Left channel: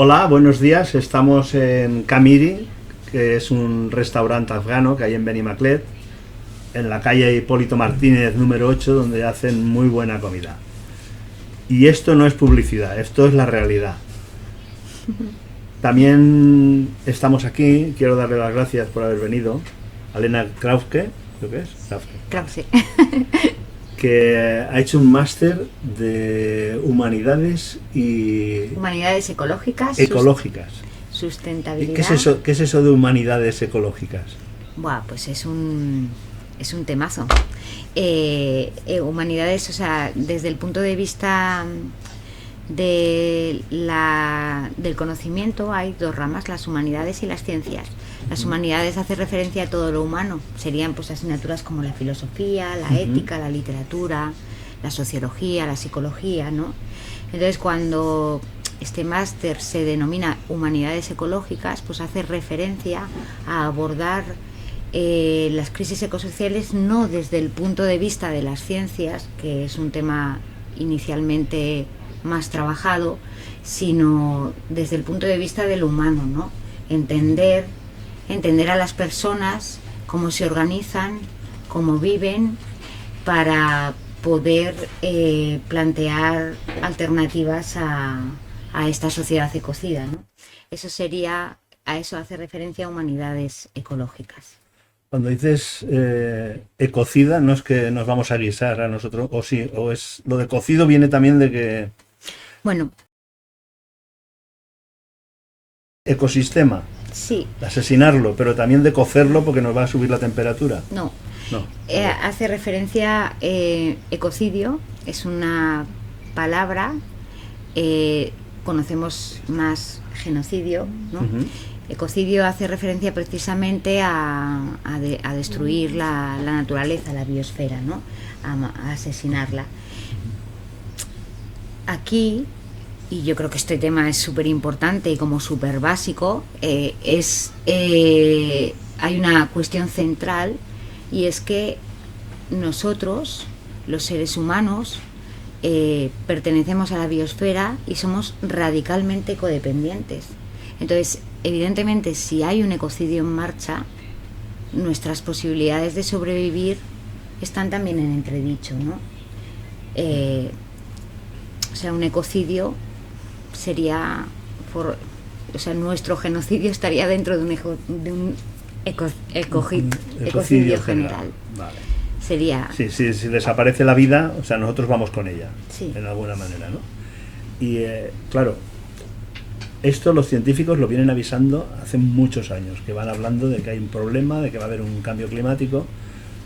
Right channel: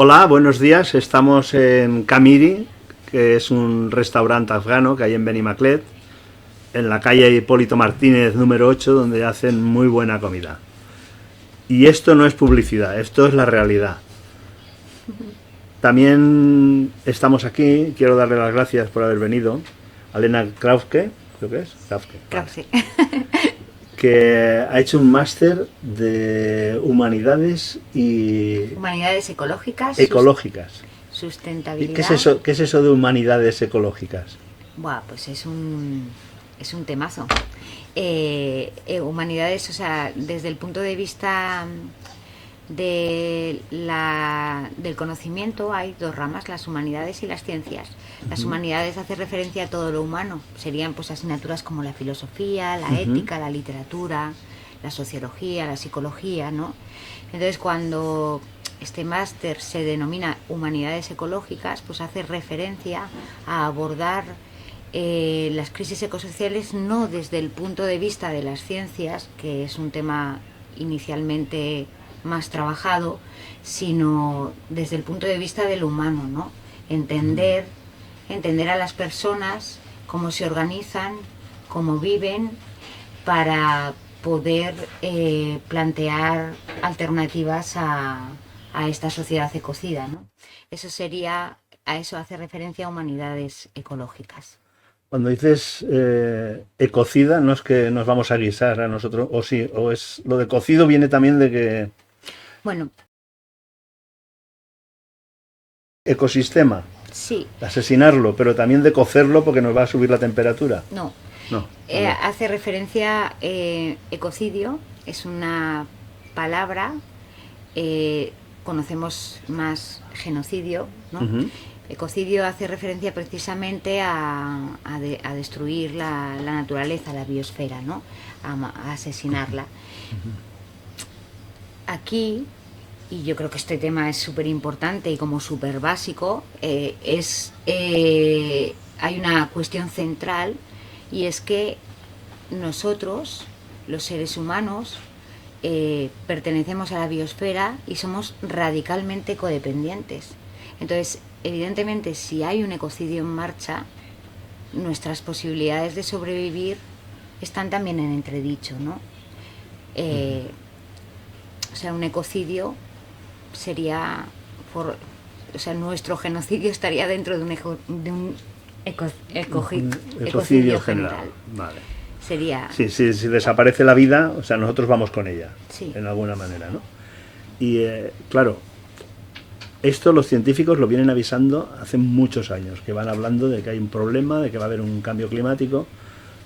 Hola, buenos días. Estamos en Camiri, que es un restaurante afgano que hay en Benimaclet, en la calle Hipólito Martínez número 8, donde hacen muy buena comida. Y esto no es publicidad, esto es la realidad. También estamos aquí, quiero darle las gracias por haber venido, a Elena Krauske, creo que es, Krause. que ha hecho un máster de humanidades y Humanidades ecológicas, ecológicas. sustentabilidad. ¿Qué es eso de humanidades ecológicas? Buah, pues es un temazo. Humanidades, o sea, desde el punto de vista del conocimiento hay dos ramas, las humanidades y las ciencias. Las humanidades hace referencia a todo lo humano, serían pues asignaturas como la filosofía, la ética, la literatura, la sociología, la psicología, ¿no? Entonces, cuando este máster se denomina humanidades ecológicas, pues hace referencia a abordar las crisis ecosociales no desde el punto de vista de las ciencias, que es un tema inicialmente más trabajado, sino desde el punto de vista del humano, ¿no? Entender a las personas, cómo se organizan, cómo viven, para poder plantear alternativas a esta sociedad ecocida, ¿no? A eso hace referencia a humanidades ecológicas. Cuando dices ecocida, no es que nos vamos a guisar a nosotros, o sí, o es lo de cocido viene también de que Bueno, ecosistema, sí, asesinarlo, pero también de cocerlo porque nos va a subir la temperatura. no. No. Hace referencia, ecocidio es una palabra, conocemos más genocidio, ¿no? Ecocidio hace referencia precisamente a destruir la naturaleza, la biosfera, ¿no? A asesinarla. Aquí, y yo creo que este tema es súper importante y como súper básico, hay una cuestión central, y es que nosotros, los seres humanos, pertenecemos a la biosfera y somos radicalmente codependientes. Entonces, evidentemente, si hay un ecocidio en marcha, nuestras posibilidades de sobrevivir están también en entredicho, ¿no? O sea, un ecocidio sería, nuestro genocidio estaría dentro de un ecocidio general. Vale. Sería... Sí, si desaparece la vida, o sea, nosotros vamos con ella, sí, en alguna manera, ¿no? Y claro, esto los científicos lo vienen avisando hace muchos años, que van hablando de que hay un problema, de que va a haber un cambio climático,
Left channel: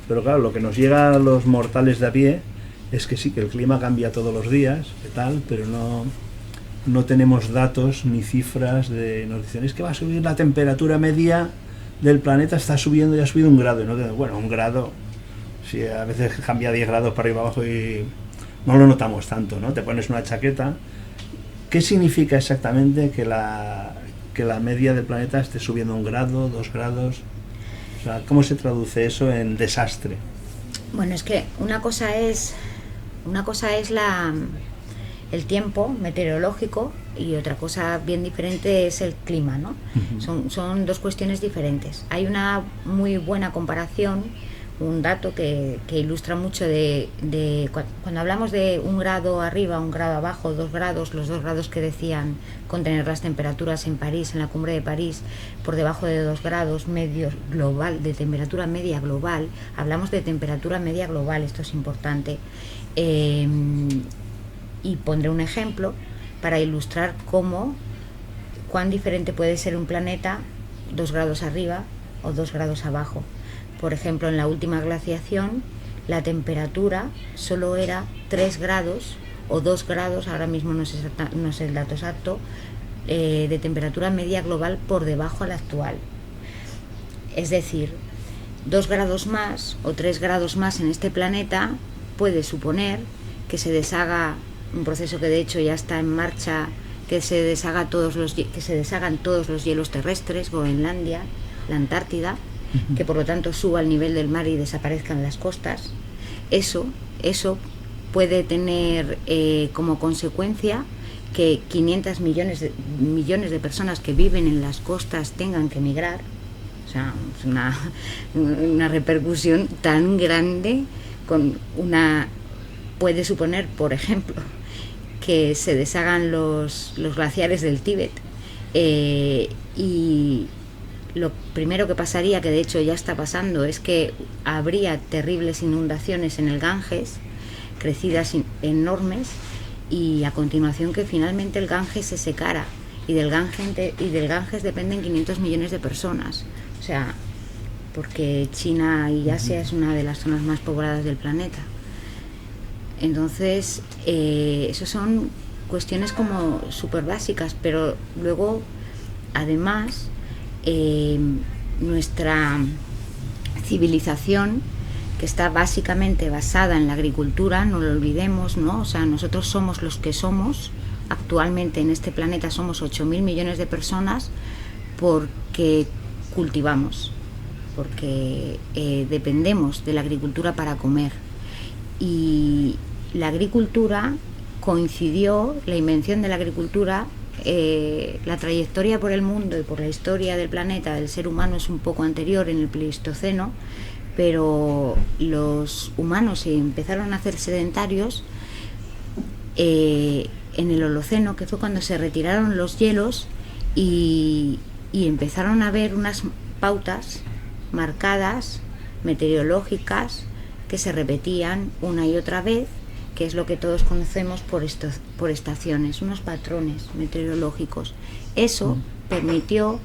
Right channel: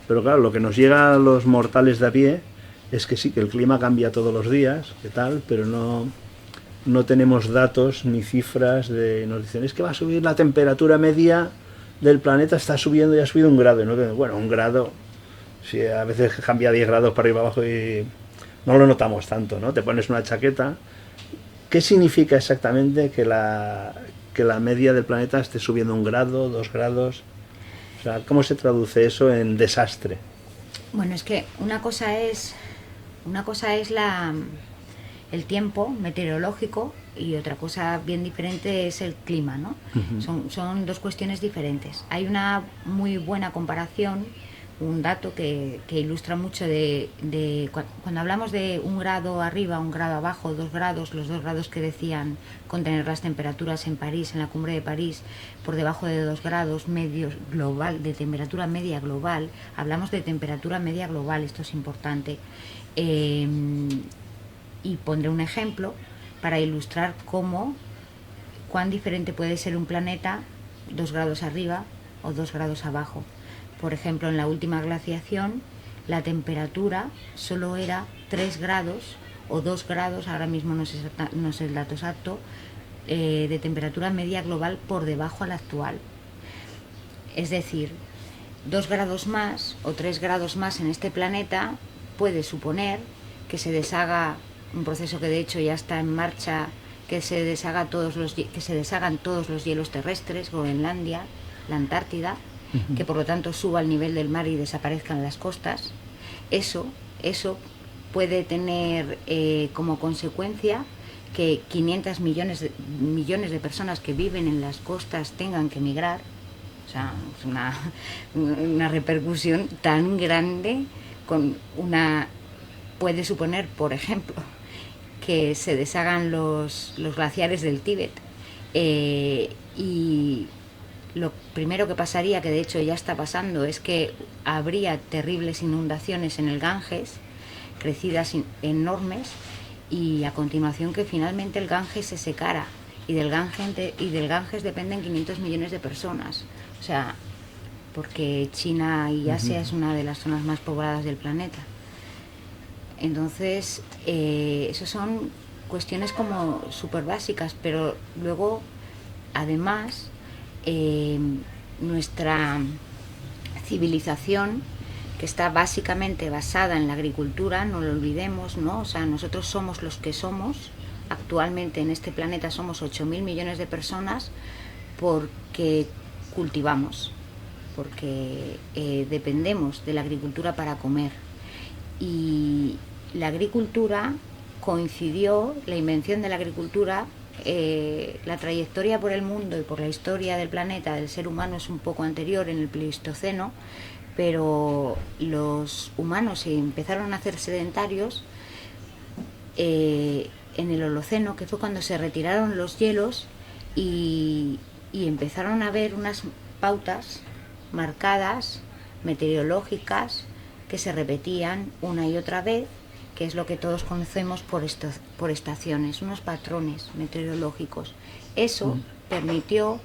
pero claro, lo que nos llega a los mortales de a pie es que sí, que el clima cambia todos los días, que tal, pero no tenemos datos ni cifras nos dicen, es que va a subir la temperatura media del planeta, está subiendo y ha subido 1 grado, y no bueno, 1 grado, si a veces cambia 10 grados para arriba abajo y no lo notamos tanto, ¿no? Te pones una chaqueta. ¿Qué significa exactamente que la media del planeta esté subiendo 1 grado, 2 grados? O sea, ¿cómo se traduce eso en desastre? Bueno, es que una cosa es el tiempo meteorológico, y otra cosa bien diferente es el clima, ¿no? Son dos cuestiones diferentes. Hay una muy buena comparación, un dato que ilustra mucho cuando hablamos de 1 grado arriba, 1 grado abajo, 2 grados, los 2 grados que decían contener las temperaturas en París, en la cumbre de París, por debajo de 2 grados medios global, de temperatura media global. Hablamos de temperatura media global, esto es importante. Y pondré un ejemplo para ilustrar cuán diferente puede ser un planeta 2 grados arriba o 2 grados abajo. Por ejemplo, en la última glaciación, la temperatura solo era 3 grados o 2 grados, ahora mismo no sé el dato exacto, de temperatura media global por debajo a la actual. Es decir, 2 grados más o 3 grados más en este planeta puede suponer que se deshaga un proceso que de hecho ya está en marcha, que se deshagan todos los hielos terrestres, Groenlandia, la Antártida, que por lo tanto suba el nivel del mar y desaparezcan las costas. Eso puede tener como consecuencia que 500 millones de personas que viven en las costas tengan que emigrar. O sea, es una repercusión tan grande. Puede suponer, por ejemplo, que se deshagan los glaciares del Tíbet, y lo primero que pasaría, que de hecho ya está pasando, es que habría terribles inundaciones en el Ganges, crecidas enormes, y a continuación que finalmente el Ganges se secara, y del Ganges dependen 500 millones de personas. O sea, porque China y Asia es una de las zonas más pobladas del planeta. Entonces, eso son cuestiones como súper básicas, pero luego, además, nuestra civilización, que está básicamente basada en la agricultura, no lo olvidemos, ¿no? O sea, nosotros somos los que somos. Actualmente en este planeta somos 8.000 millones de personas porque cultivamos, porque dependemos de la agricultura para comer. Y la agricultura coincidió, la invención de la agricultura, la trayectoria por el mundo y por la historia del planeta del ser humano es un poco anterior, en el Pleistoceno, pero los humanos empezaron a hacer sedentarios en el Holoceno, que fue cuando se retiraron los hielos y empezaron a haber unas pautas marcadas, meteorológicas, que se repetían una y otra vez, que es lo que todos conocemos por estaciones, unos patrones meteorológicos. Eso permitió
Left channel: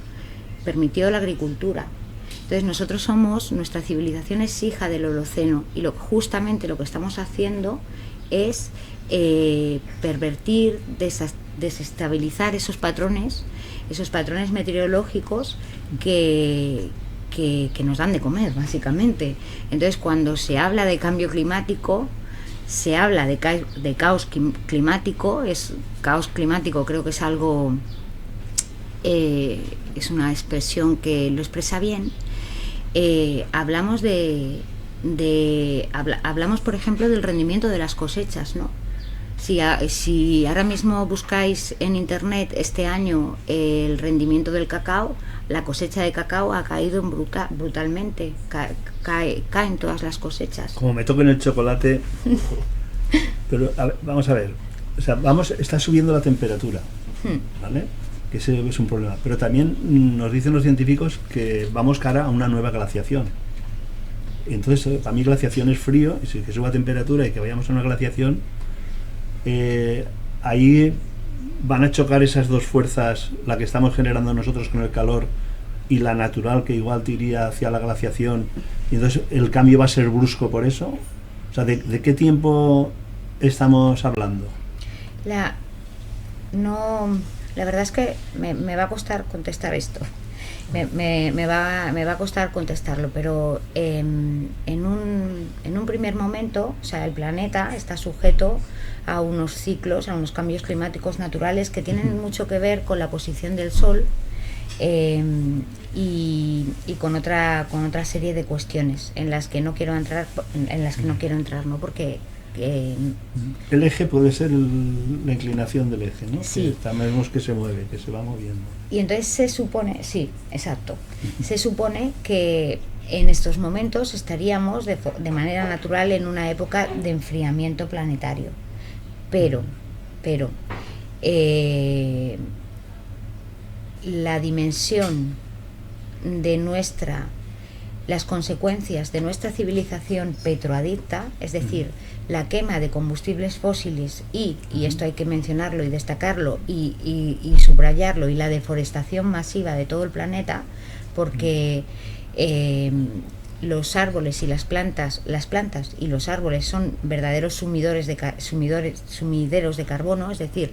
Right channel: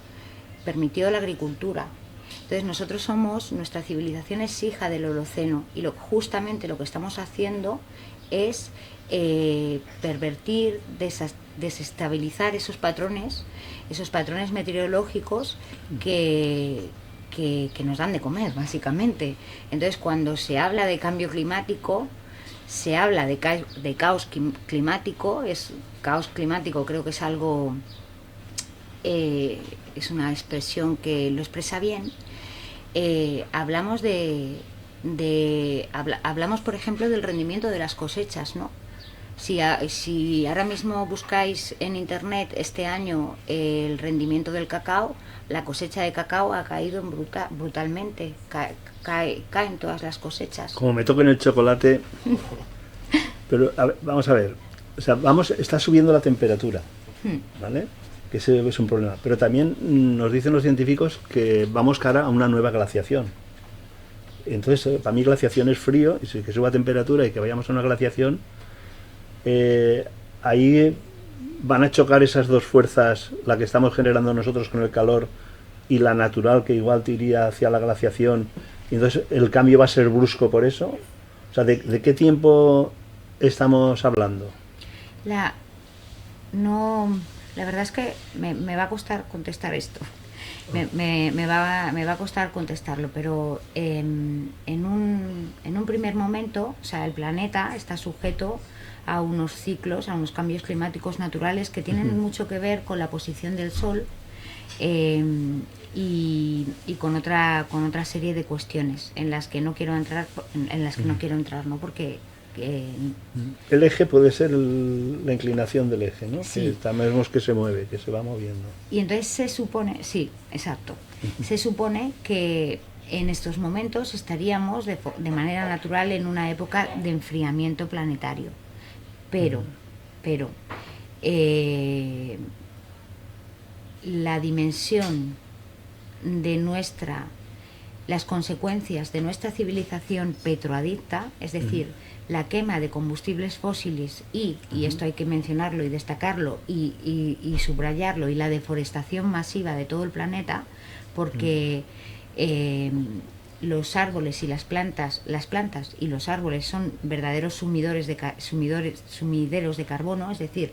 la agricultura. Entonces nuestra civilización es hija del Holoceno, y justamente lo que estamos haciendo es pervertir, desestabilizar esos patrones meteorológicos que nos dan de comer, básicamente. Entonces, cuando se habla de cambio climático, se habla de caos climático. Caos climático creo que es algo, es una expresión que lo expresa bien. Hablamos hablamos, por ejemplo, del rendimiento de las cosechas, ¿no? Si ahora mismo buscáis en internet este año el rendimiento del cacao, la cosecha de cacao ha caído brutalmente. Caen todas las cosechas. Como me toquen el chocolate. Pero vamos a ver, o sea, está subiendo la temperatura, ¿vale? Que ese es un problema. Pero también nos dicen los científicos que vamos cara a una nueva glaciación. Entonces, para mí glaciación es frío, y si que suba temperatura y que vayamos a una glaciación, ahí van a chocar esas dos fuerzas, la que estamos generando nosotros con el calor y la natural, que igual te iría hacia la glaciación, y entonces el cambio va a ser brusco por eso. O sea, ¿de qué tiempo estamos hablando? La verdad es que me va a costar contestar esto. Me va a costar contestarlo, pero en un primer momento, o sea, el planeta está sujeto a unos ciclos, a unos cambios climáticos naturales que tienen mucho que ver con la posición del Sol, y con otra serie de cuestiones en las que no quiero entrar, ¿no? Porque el eje puede ser la inclinación del eje, ¿no? Sí. Que vemos que se mueve, que se va moviendo. Y entonces se supone, sí, exacto, se supone que en estos momentos estaríamos de manera natural en una época de enfriamiento planetario, pero la dimensión de las consecuencias de nuestra civilización petroadicta, es decir, la quema de combustibles fósiles y esto hay que mencionarlo y destacarlo y subrayarlo, y la deforestación masiva de todo el planeta, porque los árboles y las plantas y los árboles son verdaderos sumideros de carbono, es decir,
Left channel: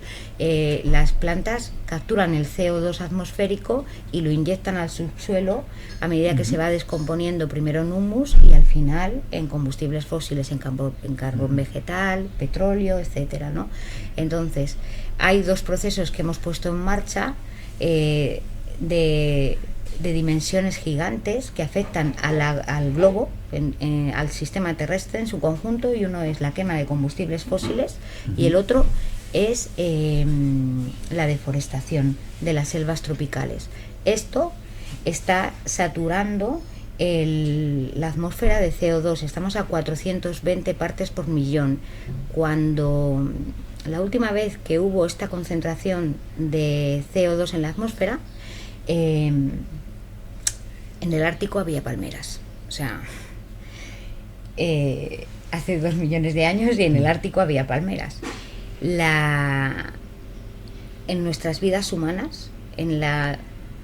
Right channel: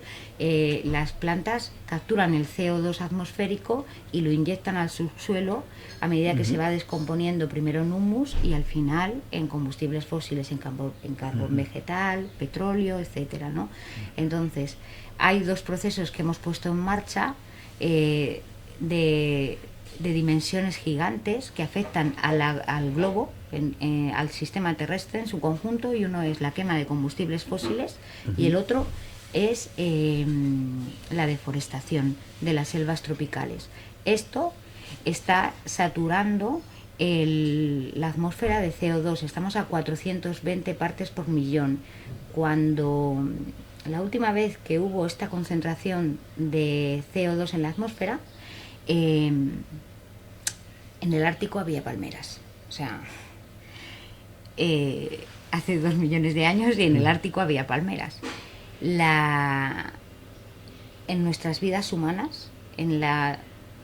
las plantas capturan el CO2 atmosférico y lo inyectan al subsuelo a medida que se va descomponiendo, primero en humus y al final en combustibles fósiles, en carbón vegetal, petróleo, etcétera, ¿no? Entonces, hay dos procesos que hemos puesto en marcha de dimensiones gigantes que afectan al globo, al sistema terrestre en su conjunto, y uno es la quema de combustibles fósiles y el otro es la deforestación de las selvas tropicales. Esto está saturando la atmósfera de CO2. Estamos a 420 partes por millón. Cuando la última vez que hubo esta concentración de CO2 en la atmósfera, en el Ártico había palmeras. O sea, hace 2 millones de años, y en el Ártico había palmeras. En nuestras vidas humanas, en la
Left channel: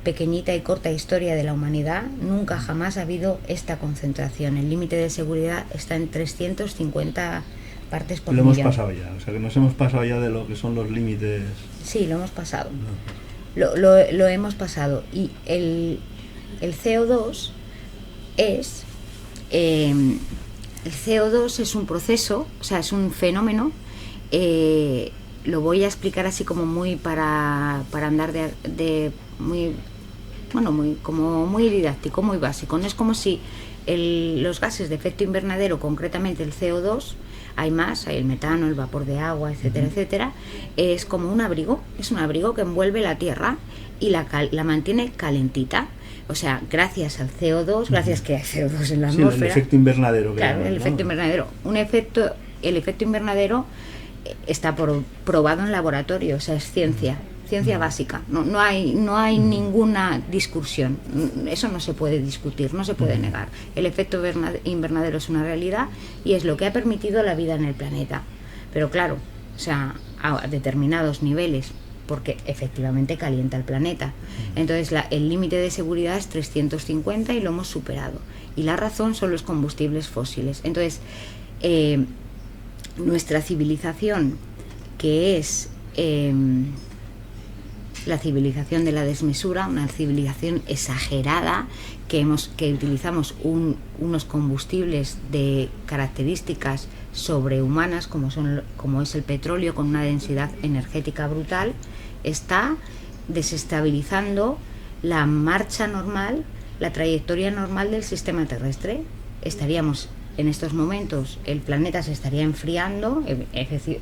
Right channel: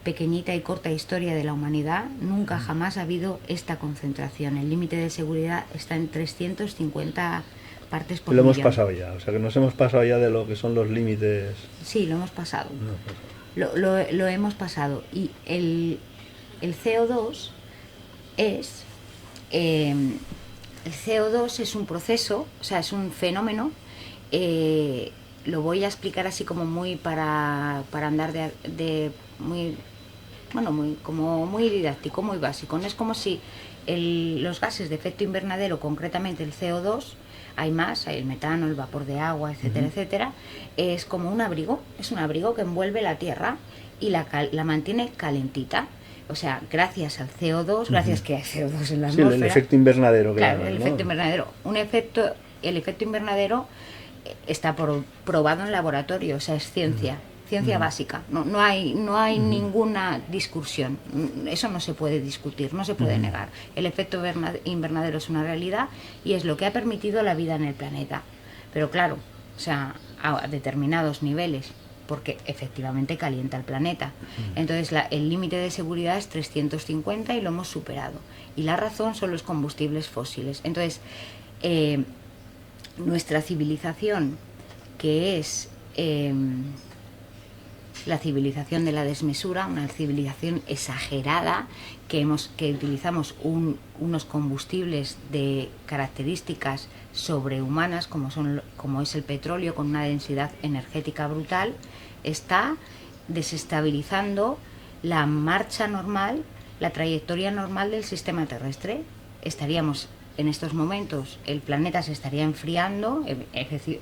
pequeñita y corta historia de la humanidad, nunca jamás ha habido esta concentración. El límite de seguridad está en 350 partes por millón. Lo hemos pasado ya, o sea que nos hemos pasado ya de lo que son los límites. Sí, lo hemos pasado. No. Lo hemos pasado. Y el CO2 es... el CO2 es un proceso, o sea, es un fenómeno. Lo voy a explicar así como muy para andar de muy, bueno, muy didáctico, muy básico. No es como si los gases de efecto invernadero, concretamente el CO2, hay más, hay el metano, el vapor de agua, etcétera, etcétera, es como un abrigo, es un abrigo que envuelve la Tierra y la mantiene calentita. O sea, gracias al CO2, gracias que hay CO2 en la atmósfera. Sí, el efecto invernadero. Claro, el efecto invernadero. El efecto invernadero está probado en laboratorio, o sea, es ciencia básica. No hay ninguna discusión. Eso no se puede discutir, no se puede negar. El efecto invernadero es una realidad y es lo que ha permitido la vida en el planeta. Pero claro, o sea, a determinados niveles, porque efectivamente calienta el planeta. Entonces el límite de seguridad es 350 y lo hemos superado. Y la razón son los combustibles fósiles. Entonces, nuestra civilización, que es la civilización de la desmesura, una civilización exagerada, que utilizamos unos combustibles de características sobrehumanas, como es el petróleo, con una densidad energética brutal, está desestabilizando la marcha normal, la trayectoria normal del sistema terrestre. Estaríamos en estos momentos, el planeta se estaría enfriando,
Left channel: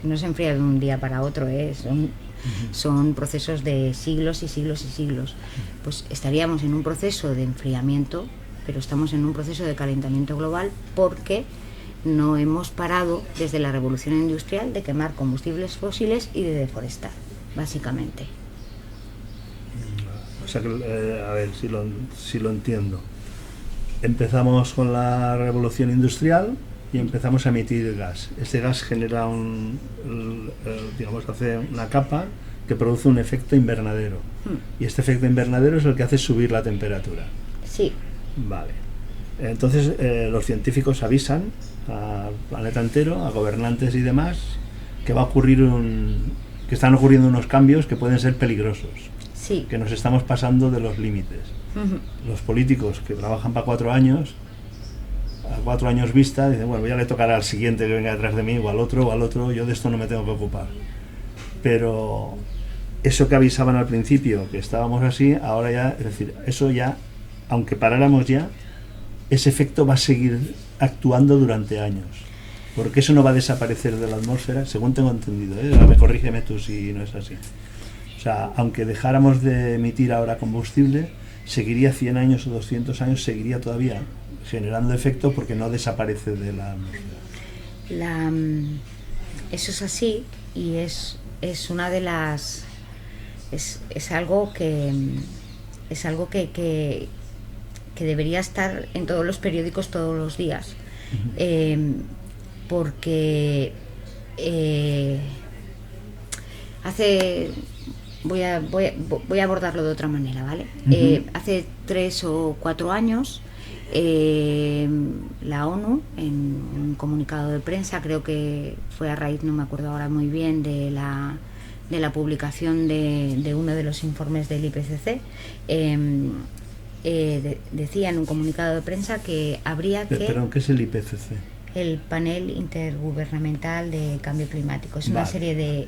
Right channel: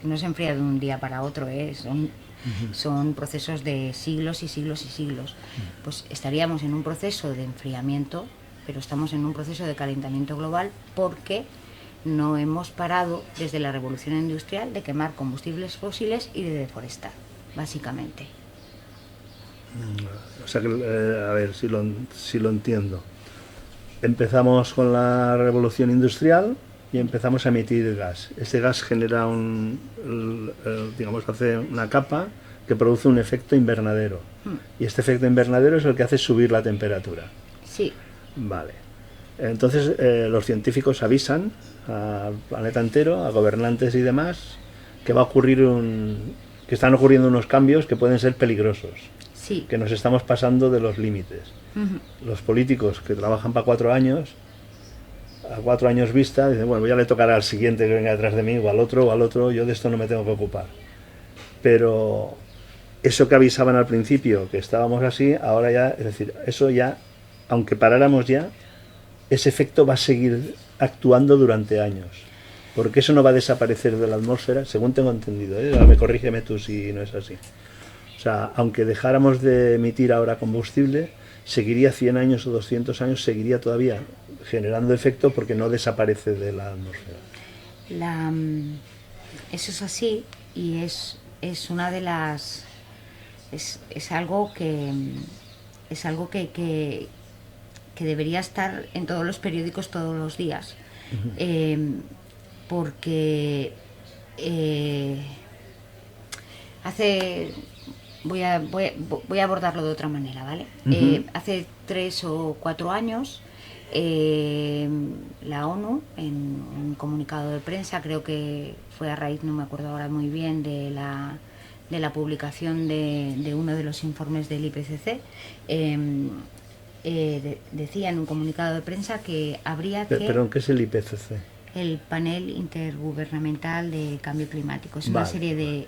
no se enfría de un día para otro, son procesos de siglos y siglos y siglos. Pues estaríamos en un proceso de enfriamiento, pero estamos en un proceso de calentamiento global porque no hemos parado desde la revolución industrial de quemar combustibles fósiles y de deforestar, básicamente. O sea que, a ver si lo entiendo. Empezamos con la revolución industrial y empezamos a emitir gas. Este gas genera hace una capa que produce un efecto invernadero. Y este efecto invernadero es el que hace subir la temperatura. Sí. Vale. Entonces los científicos avisan al planeta entero, a gobernantes y demás, que que están ocurriendo unos cambios que pueden ser peligrosos. Sí. Que nos estamos pasando de los límites. Los políticos que trabajan para 4 años, a 4 años vista, dicen, bueno, ya le tocará al siguiente que venga detrás de mí, o al otro, yo de esto no me tengo que ocupar. Pero eso que avisaban al principio, que estábamos así, ahora ya, es decir, eso ya, aunque paráramos ya, ese efecto va a seguir actuando durante años. Porque eso no va a desaparecer de la atmósfera, según tengo entendido, ¿eh? Corrígeme tú si no es así. O sea, aunque dejáramos de emitir ahora combustible, seguiría 100 años o 200 años, seguiría todavía generando efecto porque no desaparece de la atmósfera. Eso es así y es una de las... Es algo que debería estar en todos los periódicos todos los días. Porque voy a abordarlo de otra manera, ¿vale? Hace 3 o 4 años la ONU, en un comunicado de prensa, creo que fue a raíz, no me acuerdo ahora muy bien, de la publicación de uno de los informes del IPCC, decía en un comunicado de prensa que habría que... ¿Pero qué es el IPCC? El Panel Intergubernamental de Cambio Climático. Es una serie de...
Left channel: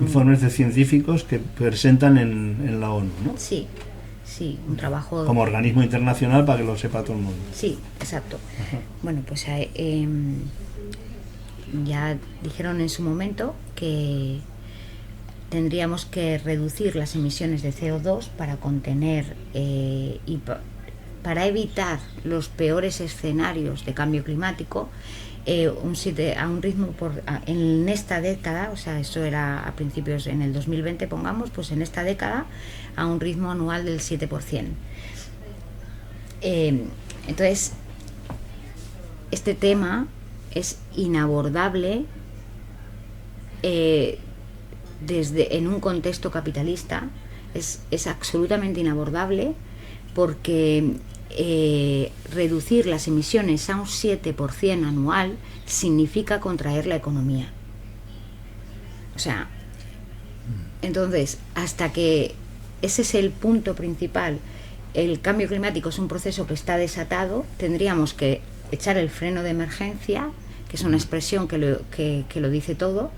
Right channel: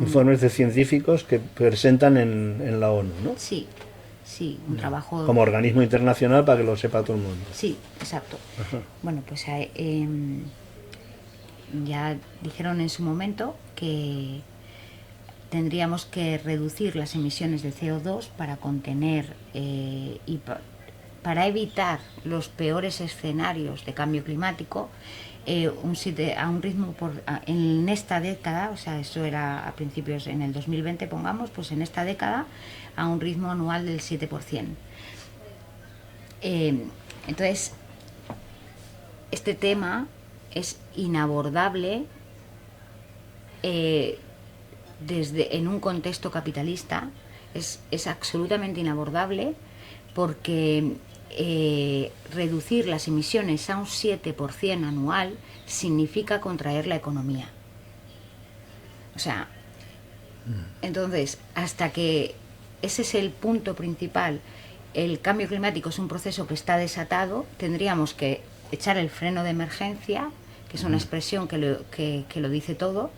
informes de científicos que presentan en la ONU, ¿no? Sí, un trabajo... Como organismo internacional para que lo sepa todo el mundo. Sí, exacto. Ajá. Bueno, pues ya dijeron en su momento que tendríamos que reducir las emisiones de CO2 para contener para evitar los peores escenarios de cambio climático, a un ritmo en esta década, o sea, eso era a principios, en el 2020 pongamos, pues en esta década a un ritmo anual del 7%. Entonces, este tema es inabordable en un contexto capitalista, es absolutamente inabordable, porque reducir las emisiones a un 7% anual significa contraer la economía. O sea, entonces, hasta que ese es el punto principal, el cambio climático es un proceso que está desatado, tendríamos que echar el freno de emergencia, que es una expresión que lo dice todo,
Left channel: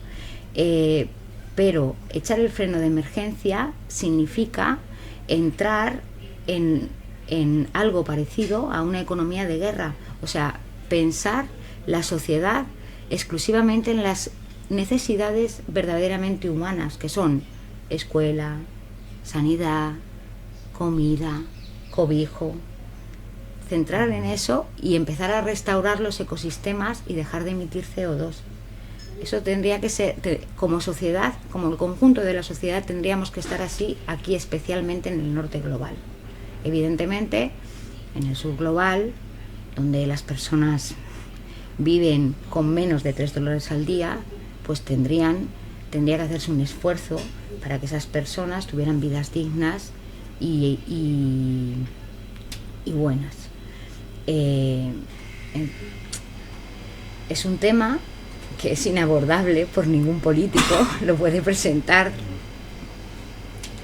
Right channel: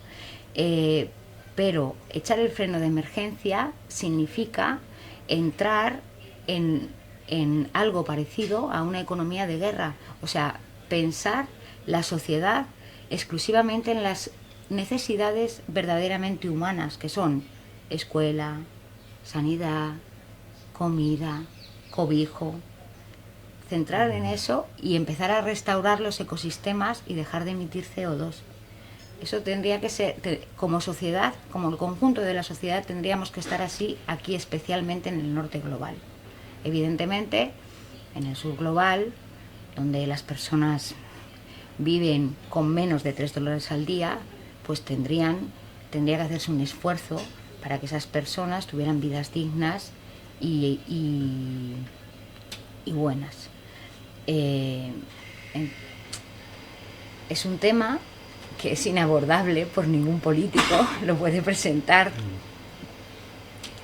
pero echar el freno de emergencia significa entrar en algo parecido a una economía de guerra, o sea, pensar la sociedad exclusivamente en las necesidades verdaderamente humanas, que son escuela, sanidad, comida, cobijo. Centrar en eso y empezar a restaurar los ecosistemas y dejar de emitir CO2. Eso tendría que ser, como sociedad, como el conjunto de la sociedad, tendríamos que estar así, aquí especialmente en el norte global. Evidentemente, en el sur global, donde las personas viven con menos de $3 al día, pues tendría que hacerse un esfuerzo para que esas personas tuvieran vidas dignas y buenas. Es un tema que es inabordable por ningún político, lo puede presentar,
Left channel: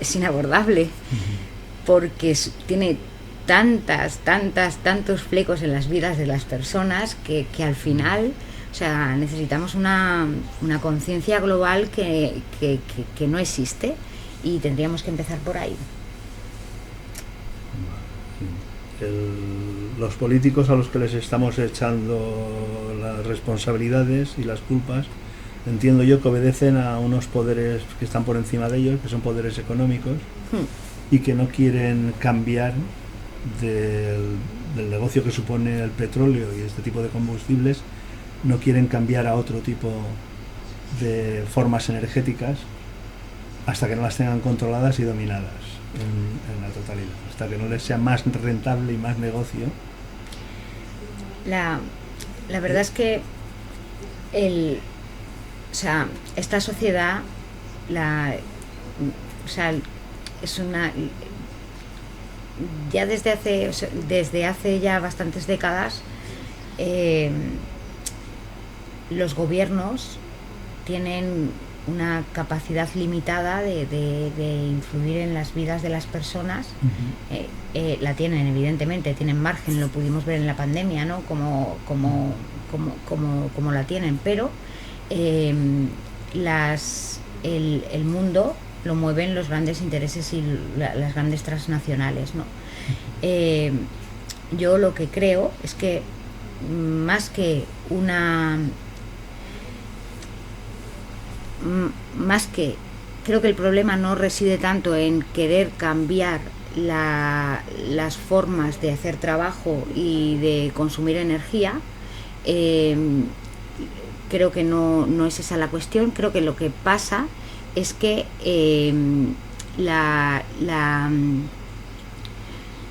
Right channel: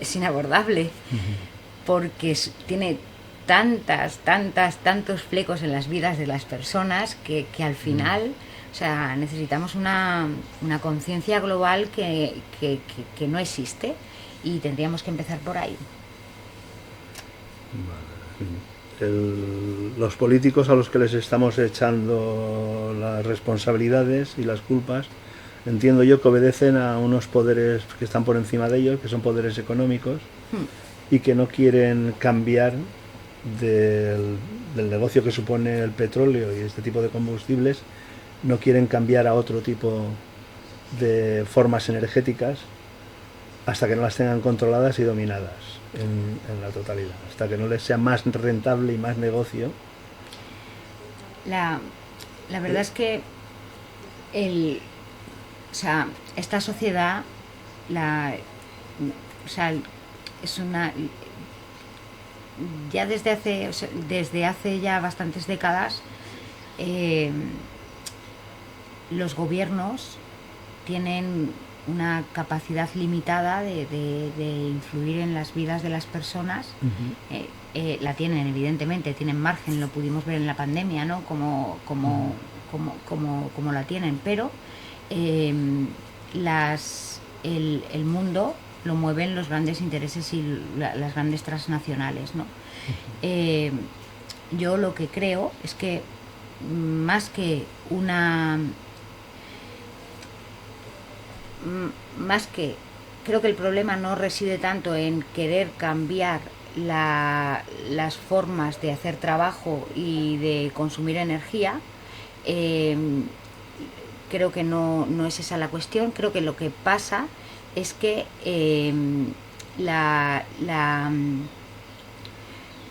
es inabordable porque tiene tantos flecos en las vidas de las personas que al final, o sea, necesitamos una conciencia global que no existe y tendríamos que empezar por ahí. Los políticos a los que les estamos echando las responsabilidades y las culpas, entiendo yo que obedecen a unos poderes que están por encima de ellos, que son poderes económicos, y que no quieren cambiar del negocio que supone el petróleo y este tipo de combustibles, no quieren cambiar a otro tipo de formas energéticas hasta que no las tengan controladas y dominadas en la totalidad, hasta que no les sea más rentable y más negocio. La verdad es que esta sociedad es una, ya desde hace ya bastantes décadas, los gobiernos tienen una capacidad limitada de influir en las vidas de las personas. La tienen, evidentemente, tienen margen, lo pudimos ver en la pandemia, ¿no? Como la tienen, pero el mundo lo mueven los grandes intereses y las grandes transnacionales, ¿no? Yo lo que creo es que creo que el problema no reside tanto en querer cambiar las formas de hacer trabajo y de consumir energía. Creo que no es esa la cuestión. Creo que lo que pasa es que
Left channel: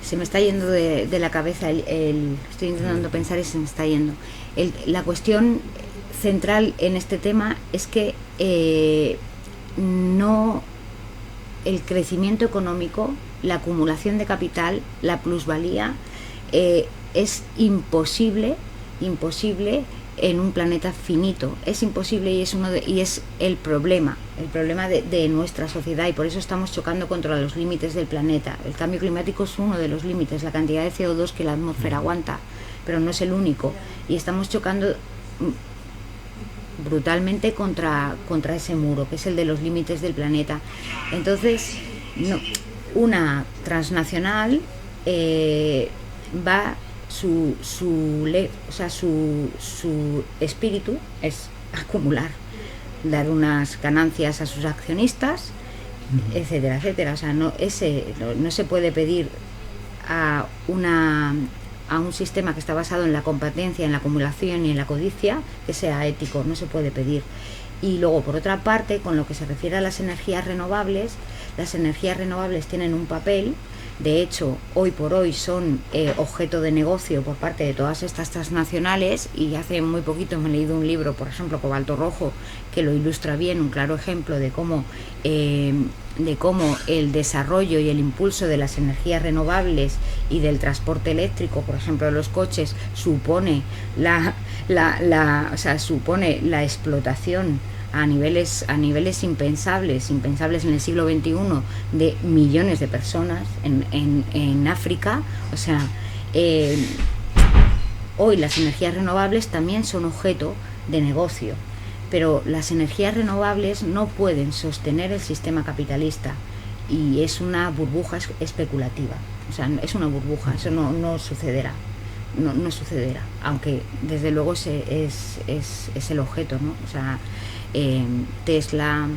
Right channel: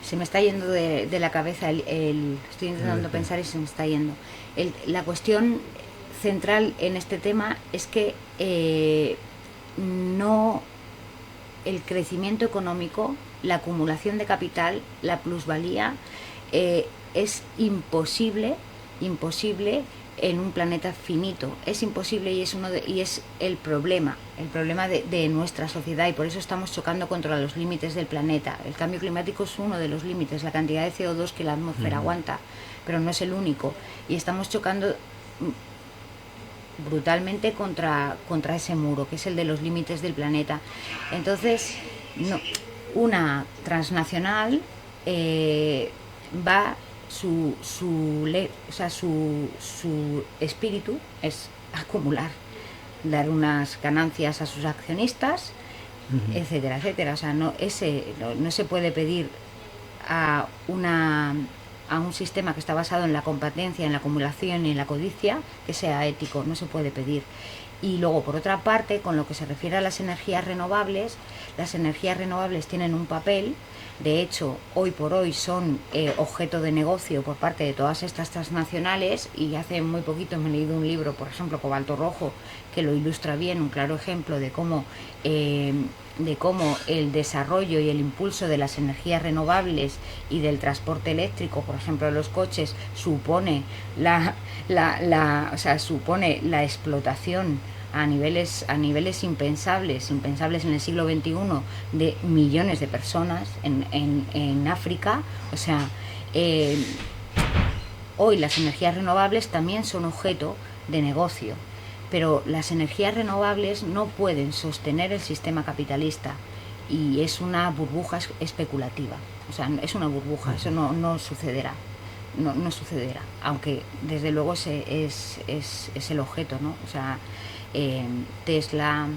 se me está yendo de la cabeza, estoy intentando pensar y se me está yendo. La cuestión central en este tema es que el crecimiento económico, la acumulación de capital, la plusvalía, es imposible en un planeta finito. Es imposible y es el problema de nuestra sociedad, y por eso estamos chocando contra los límites del planeta. El cambio climático es uno de los límites, la cantidad de CO2 que la atmósfera aguanta, pero no es el único, y estamos chocando brutalmente contra ese muro, que es el de los límites del planeta. Entonces, una transnacional su espíritu es acumular dar unas ganancias a sus accionistas, etcétera, etcétera. O sea, no se puede pedir a un sistema que está basado en la competencia, en la acumulación y en la codicia, que sea ético, no se puede pedir. Y luego, por otra parte, con lo que se refiere a las energías renovables tienen un papel. De hecho, hoy por hoy son objeto de negocio por parte de todas estas transnacionales, y hace muy poquito me he leído un libro, por ejemplo, Cobalto Rojo, que lo ilustra bien, un claro ejemplo de cómo el desarrollo y el impulso de las energías renovables y del transporte eléctrico, por ejemplo, de los coches, supone supone la explotación a niveles impensables en el siglo XXI de millones de personas en África. O sea, hoy las energías renovables también son objeto de negocio, pero las energías renovables no pueden sostener el sistema capitalista, y es una burbuja especulativa. O sea, es una burbuja, eso no sucederá. No sucederá, aunque desde luego es el objeto, ¿no? O sea, Tesla,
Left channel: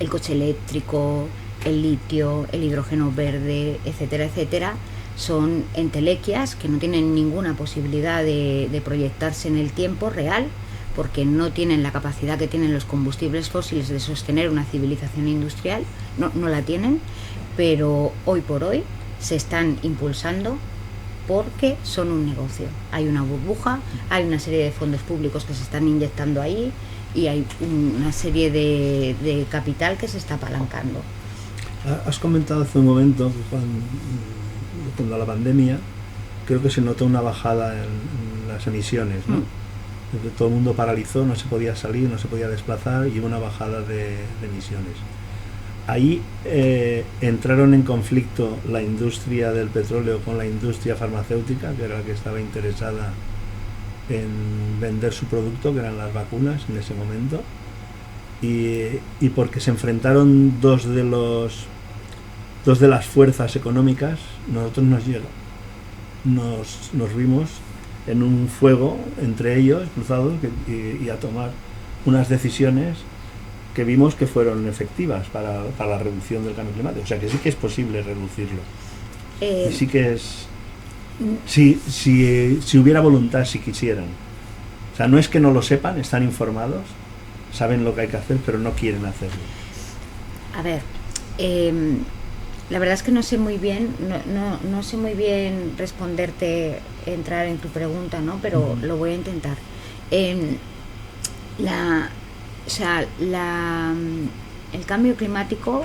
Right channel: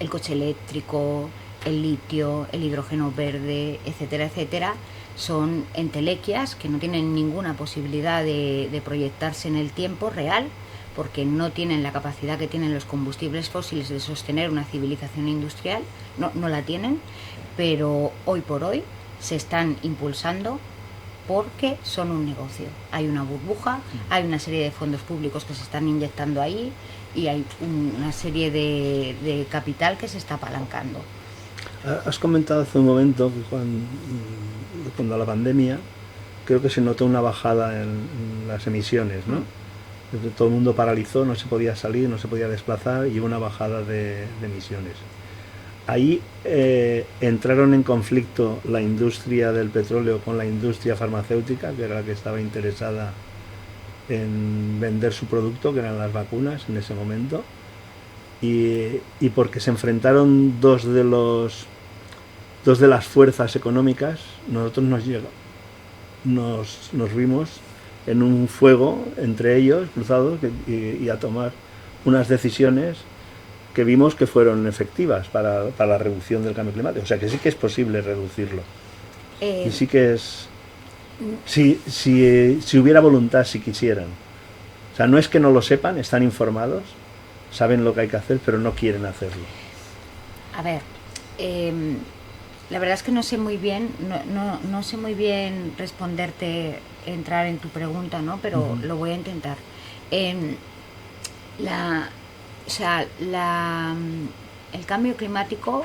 el coche eléctrico, el litio, el hidrógeno verde, etcétera, etcétera, son entelequias que no tienen ninguna posibilidad de proyectarse en el tiempo real, porque no tienen la capacidad que tienen los combustibles fósiles de sostener una civilización industrial, no la tienen, pero hoy por hoy se están impulsando porque son un negocio. Hay una burbuja, hay una serie de fondos públicos que se están inyectando ahí, y hay una serie de capital que se está apalancando. Has comentado hace un momento que cuando la pandemia creo que se notó una bajada en las emisiones, ¿no? Todo el mundo paralizó, no se podía salir, no se podía desplazar, y una bajada de emisiones. Ahí entraron en conflicto la industria del petróleo con la industria farmacéutica, que era la que estaba interesada en vender su producto, que eran las vacunas en ese momento, y porque se enfrentaron dos de las fuerzas económicas, nosotros nos vimos en un fuego entre ellos cruzados, y a tomar unas decisiones que vimos que fueron efectivas para la reducción del cambio climático. O sea que sí que es posible reducirlo. Y sí que es... Si hubiera voluntad, si quisieran. O sea, no es que no lo sepan, están informados, saben lo que hay que hacer, pero no quieren hacerlo. A ver, la verdad es que no sé muy bien responderte, entrar en tu pregunta, ¿no? Pero lo voy a intentar. El cambio climático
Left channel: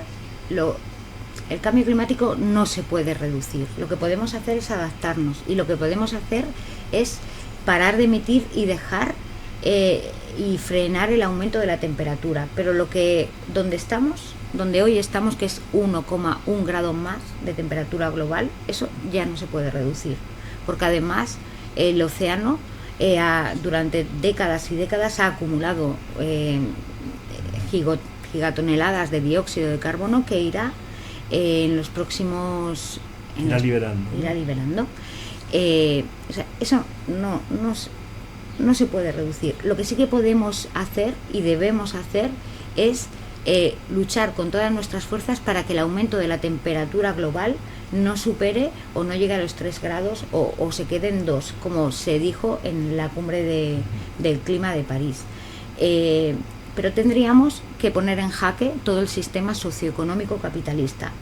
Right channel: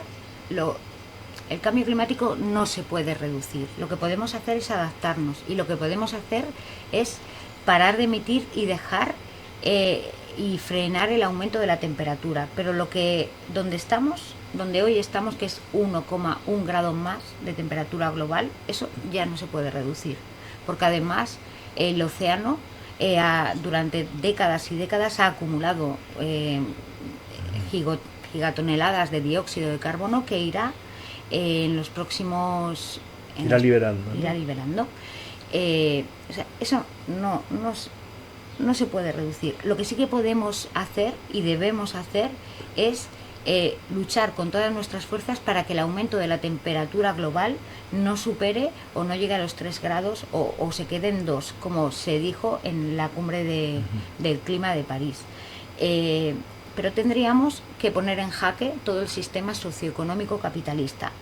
no se puede reducir. Lo que podemos hacer es adaptarnos, y lo que podemos hacer es parar de emitir y dejar y frenar el aumento de la temperatura. Pero donde hoy estamos, que es 1,1 grados más de temperatura global, eso ya no se puede reducir, porque además el océano durante décadas y décadas ha acumulado gigatoneladas de dióxido de carbono que irá en los próximos... Irá liberando. O sea, eso no se puede reducir. Lo que sí que podemos hacer y debemos hacer es luchar con todas nuestras fuerzas para que el aumento de la temperatura global no supere o no llegue a los 3 grados o se quede en 2, como se dijo en la cumbre del clima de París. Pero tendríamos que poner en jaque todo el sistema socioeconómico capitalista.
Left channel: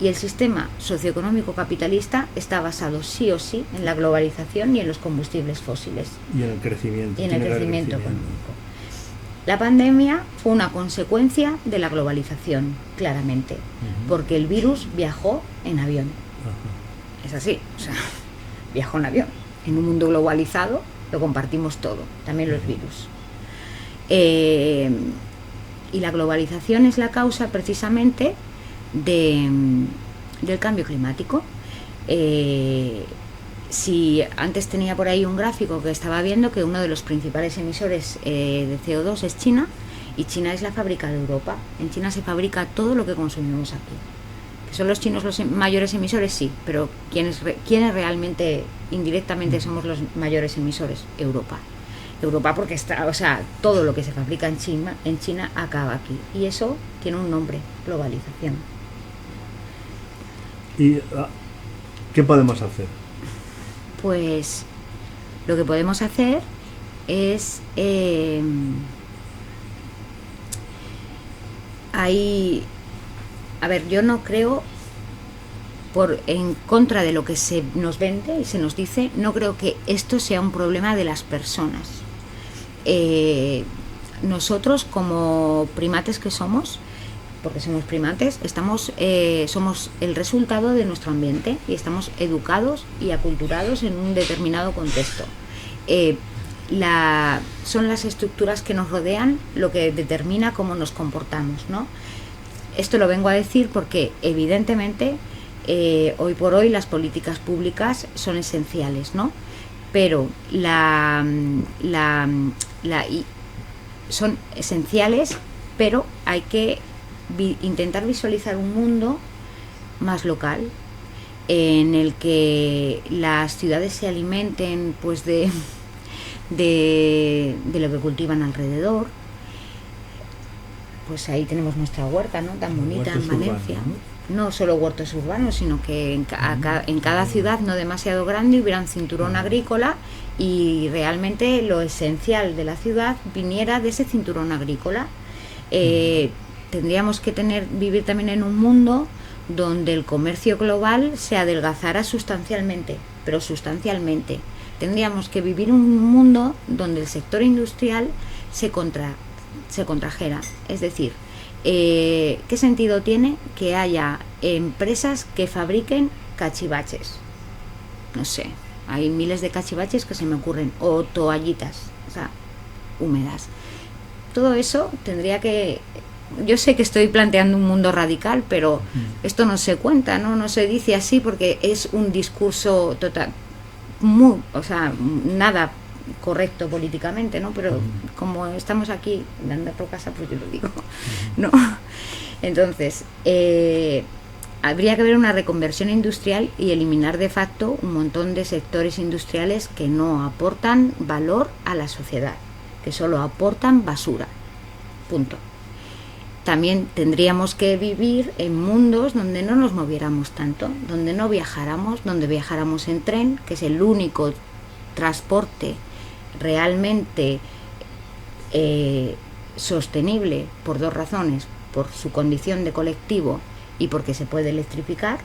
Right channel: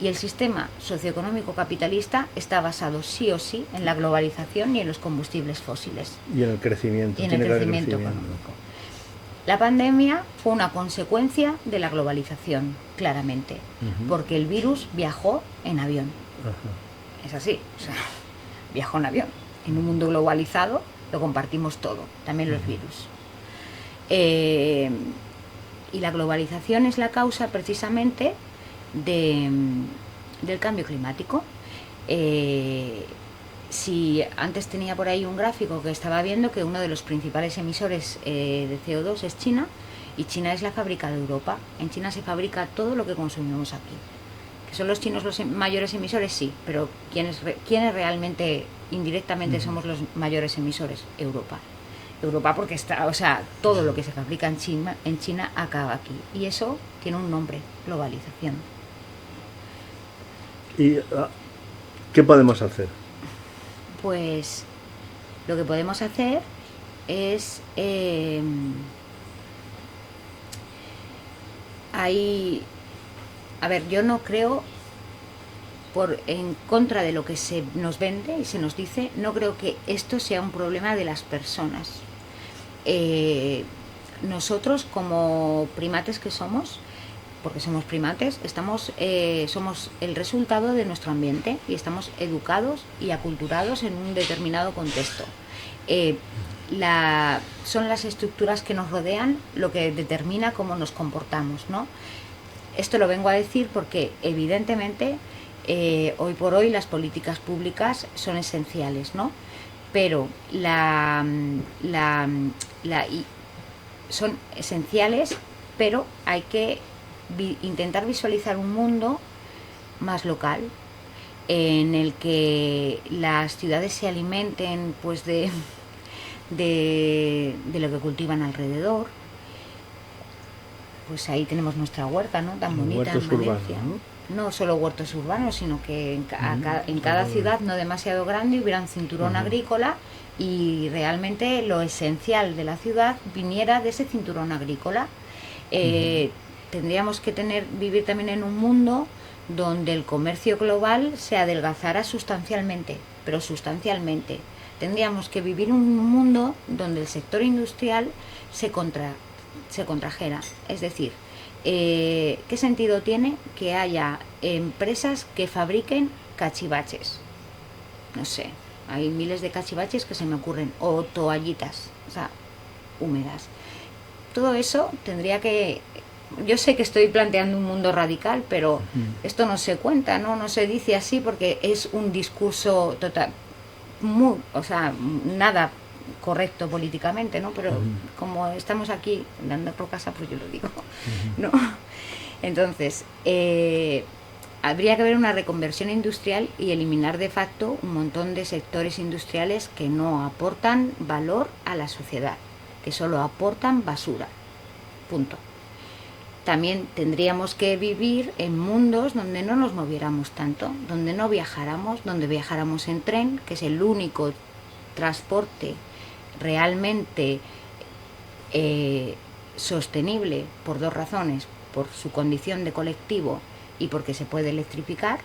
Y el sistema socioeconómico capitalista está basado sí o sí en la globalización y en los combustibles fósiles. Y en el crecimiento. Económico. La pandemia fue una consecuencia de la globalización, claramente, porque el virus viajó en avión. Es así, o sea, viajó en avión. En un mundo globalizado lo compartimos todo, también los virus. Y la globalización es la causa precisamente del cambio climático. Si antes tenía por ahí un gráfico que estaba viendo que uno de los principales emisores de CO2 es China, y China es la fábrica de Europa. En China se fabrica todo lo que consumimos aquí. ¿Son los chinos los mayores emisores? Sí, pero ¿quiénes realmente, indirectamente, somos los mayores emisores? Europa. Europa porque está, o sea, todo lo que se fabrica en China acaba aquí. Y eso tiene un nombre, globalización. ¿Y qué podemos hacer? Pues lo que podemos hacer es ahí, a ver, yo no creo, en contra de lo que se nos vende y se nos dice, no creo que esto sea un problema de las personas. Nosotros, como primates que somos, porque somos primates, somos el resultado de nuestro ambiente y estamos educados y aculturados en un determinado contexto. Son las estructuras que nos rodean lo que determina cómo nos comportamos, ¿no? Esto lo vengo a decir porque evidentemente hoy por hoy las políticas públicas son esenciales, ¿no? Pero son esenciales, pero hay que intentar visualizar un mundo más local en el que las ciudades se alimenten pues de lo que cultivan alrededor. Pues ahí tenemos nuestra huerta, ¿no? Tan bonita en Valencia. No solo huertos urbanos, sino que en cada ciudad no demasiado grande hubiera un cinturón agrícola y realmente lo esencial de la ciudad viniera de ese cinturón agrícola. Tendríamos que vivir también en un mundo donde el comercio global se adelgazara sustancialmente, pero sustancialmente. Tendríamos que vivir un mundo donde el sector industrial se contrajera. Es decir, ¿qué sentido tiene que haya empresas que fabriquen cachivaches? No sé, hay miles de cachivaches que se me ocurren, o toallitas, o sea, húmedas. Todo eso tendría que... Yo sé que estoy planteando un mundo radical, pero esto no se cuenta, no se dice así porque es un discurso total, nada correcto políticamente, ¿no? Pero como estamos aquí dando por casa, pues yo lo digo, ¿no? Entonces, habría que haber una reconversión industrial y eliminar de facto un montón de sectores industriales que no aportan valor a la sociedad, que solo aportan basura. Punto. También tendríamos que vivir en mundos donde no nos moviéramos tanto, donde no viajáramos, donde viajáramos en tren, que es el único transporte realmente sostenible por dos razones: por su condición de colectivo y porque se puede electrificar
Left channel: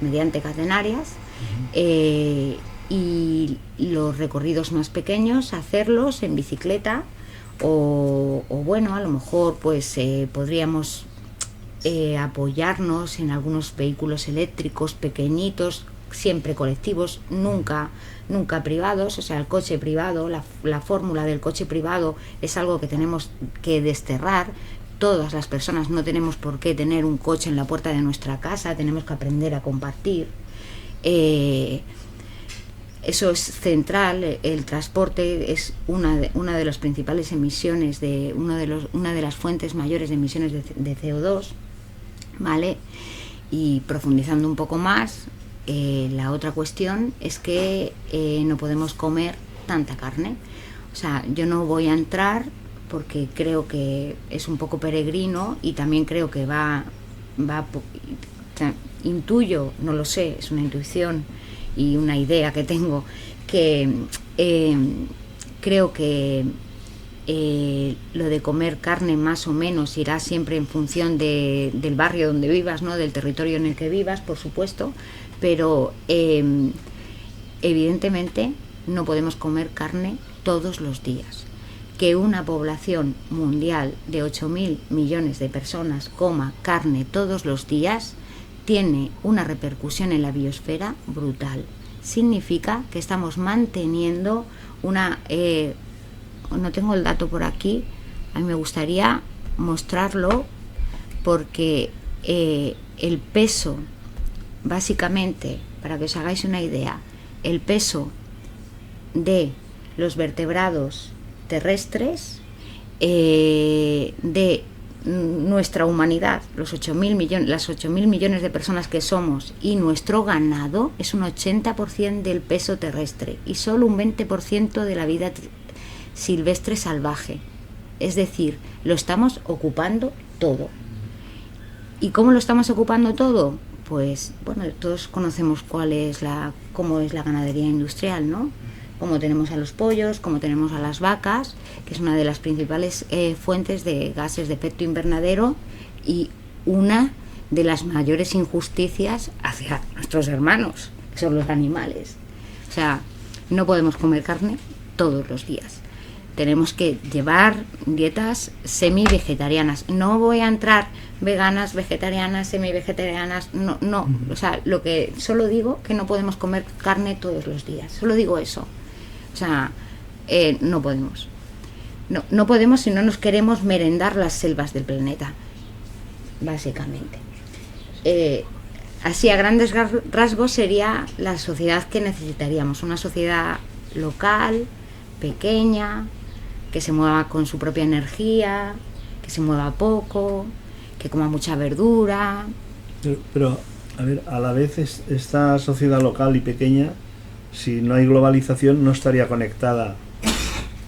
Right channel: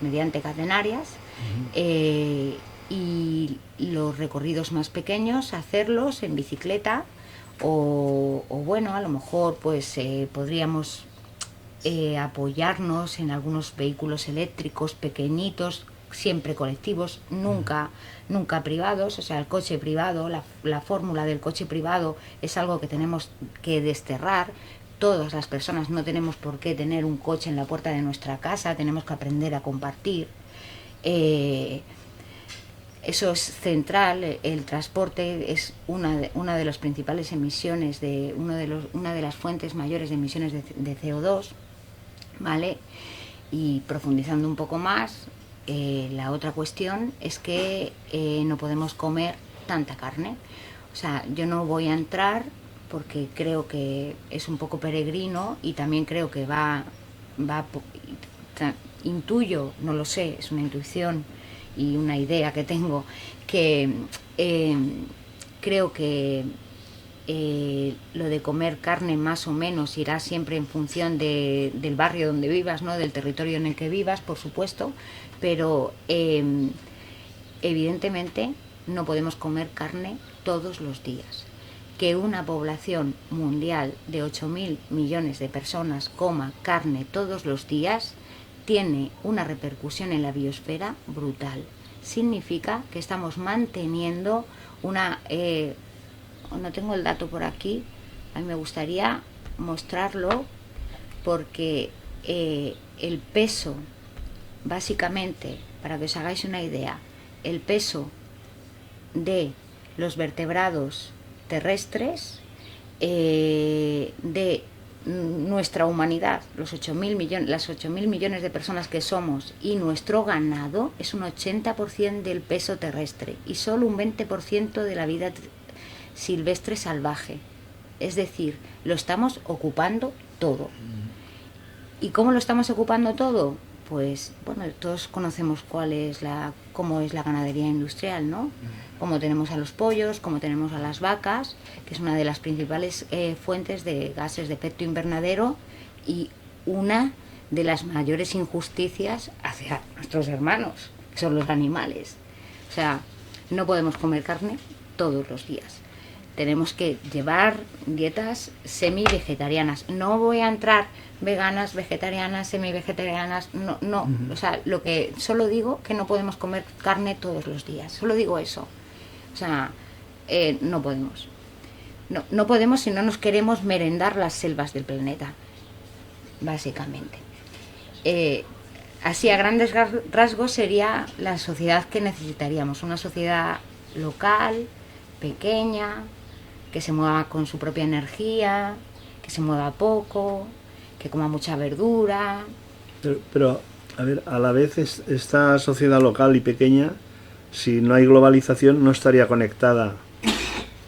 mediante catenarias, y los recorridos más pequeños hacerlos en bicicleta o bueno, a lo mejor pues podríamos apoyarnos en algunos vehículos eléctricos pequeñitos, siempre colectivos, nunca privados. O sea, el coche privado, la fórmula del coche privado es algo que tenemos que desterrar. Todas las personas no tenemos por qué tener un coche en la puerta de nuestra casa, tenemos que aprender a compartir. Eso es central. El transporte es una de las principales emisiones, una de las fuentes mayores de emisiones de CO2, ¿vale? Y profundizando un poco más, la otra cuestión es que no podemos comer tanta carne. O sea, yo no voy a entrar porque creo que es un poco peregrino y también creo que intuyo, no lo sé, es una intuición y una idea que tengo, que creo que lo de comer carne más o menos irá siempre en función del barrio donde vivas, ¿no? Del territorio en el que vivas, por supuesto, pero evidentemente no podemos comer carne todos los días. Que una población mundial de 8.000 millones de personas coma carne todos los días tiene una repercusión en la biosfera brutal. Significa que estamos manteniendo una... no tengo el dato por aquí, a mí me gustaría mostrarlo porque el peso, básicamente, para que os hagáis una idea, el peso de los vertebrados terrestres de nuestra humanidad, las 8.000 millones de personas que somos, y nuestro ganado es un 80% del peso terrestre y solo un 20% de la vida silvestre salvaje. Es decir, lo estamos ocupando todo. ¿Y cómo lo estamos ocupando todo? Pues, bueno, todos conocemos cómo es la ganadería industrial, ¿no? Cómo tenemos a los pollos, cómo tenemos a las vacas, que es una de las principales fuentes de gases de efecto invernadero y una de las mayores injusticias hacia nuestros hermanos, que son los animales. O sea, no podemos comer carne todos los días. Tenemos que llevar dietas semi-vegetarianas. No voy a entrar veganas, vegetarianas, semi-vegetarianas, no. O sea, lo que solo digo que no podemos comer carne todos los días. Solo digo eso. O sea, no podemos. No podemos si no nos queremos merendar las selvas del planeta, básicamente. Así a grandes rasgos sería la sociedad que necesitaríamos. Una sociedad local, pequeña, que se mueva con su propia energía, que se mueva poco, que coma mucha verdura. Pero a ver, a la vez esta sociedad local y pequeña, si no hay globalización, no estaría conectada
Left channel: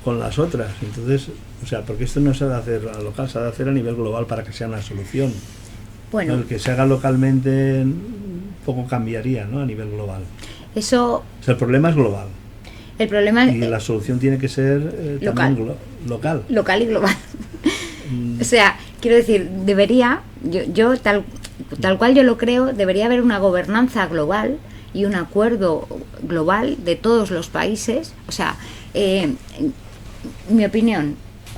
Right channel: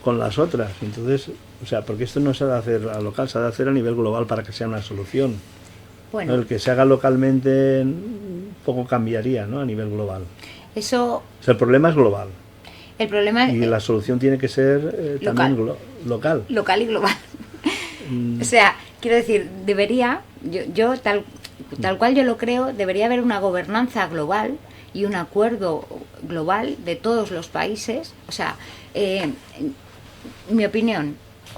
con las otras. Entonces, o sea, porque esto no se debe hacer a local, se debe hacer a nivel global para que sea una solución. Bueno, el que se haga localmente poco cambiaría, ¿no? A nivel global. Eso. O sea, el problema es global. El problema y la solución tiene que ser también local. Local y global. O sea, quiero decir, debería, yo tal cual yo lo creo, debería haber una gobernanza global y un acuerdo global de todos los países. O sea, mi opinión,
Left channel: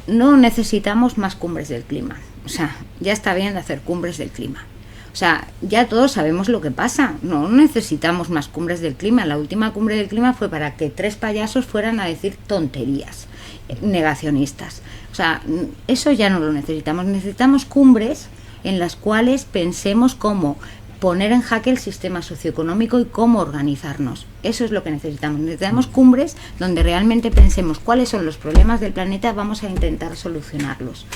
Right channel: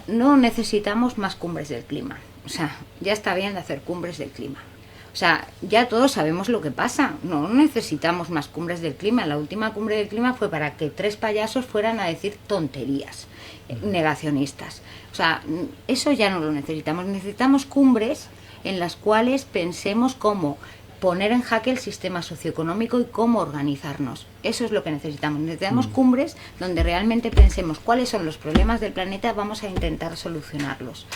no necesitamos más cumbres del clima. O sea, ya está bien de hacer cumbres del clima. O sea, ya todos sabemos lo que pasa. No necesitamos más cumbres del clima. La última cumbre del clima fue para que 3 payasos fueran a decir tonterías negacionistas. O sea, eso ya no lo necesitamos. Necesitamos cumbres en las cuales pensemos cómo poner en jaque el sistema socioeconómico y cómo organizarnos. Eso es lo que necesitamos. Necesitamos cumbres donde realmente pensemos cuáles son los problemas del planeta, vamos a intentar solucionarlos,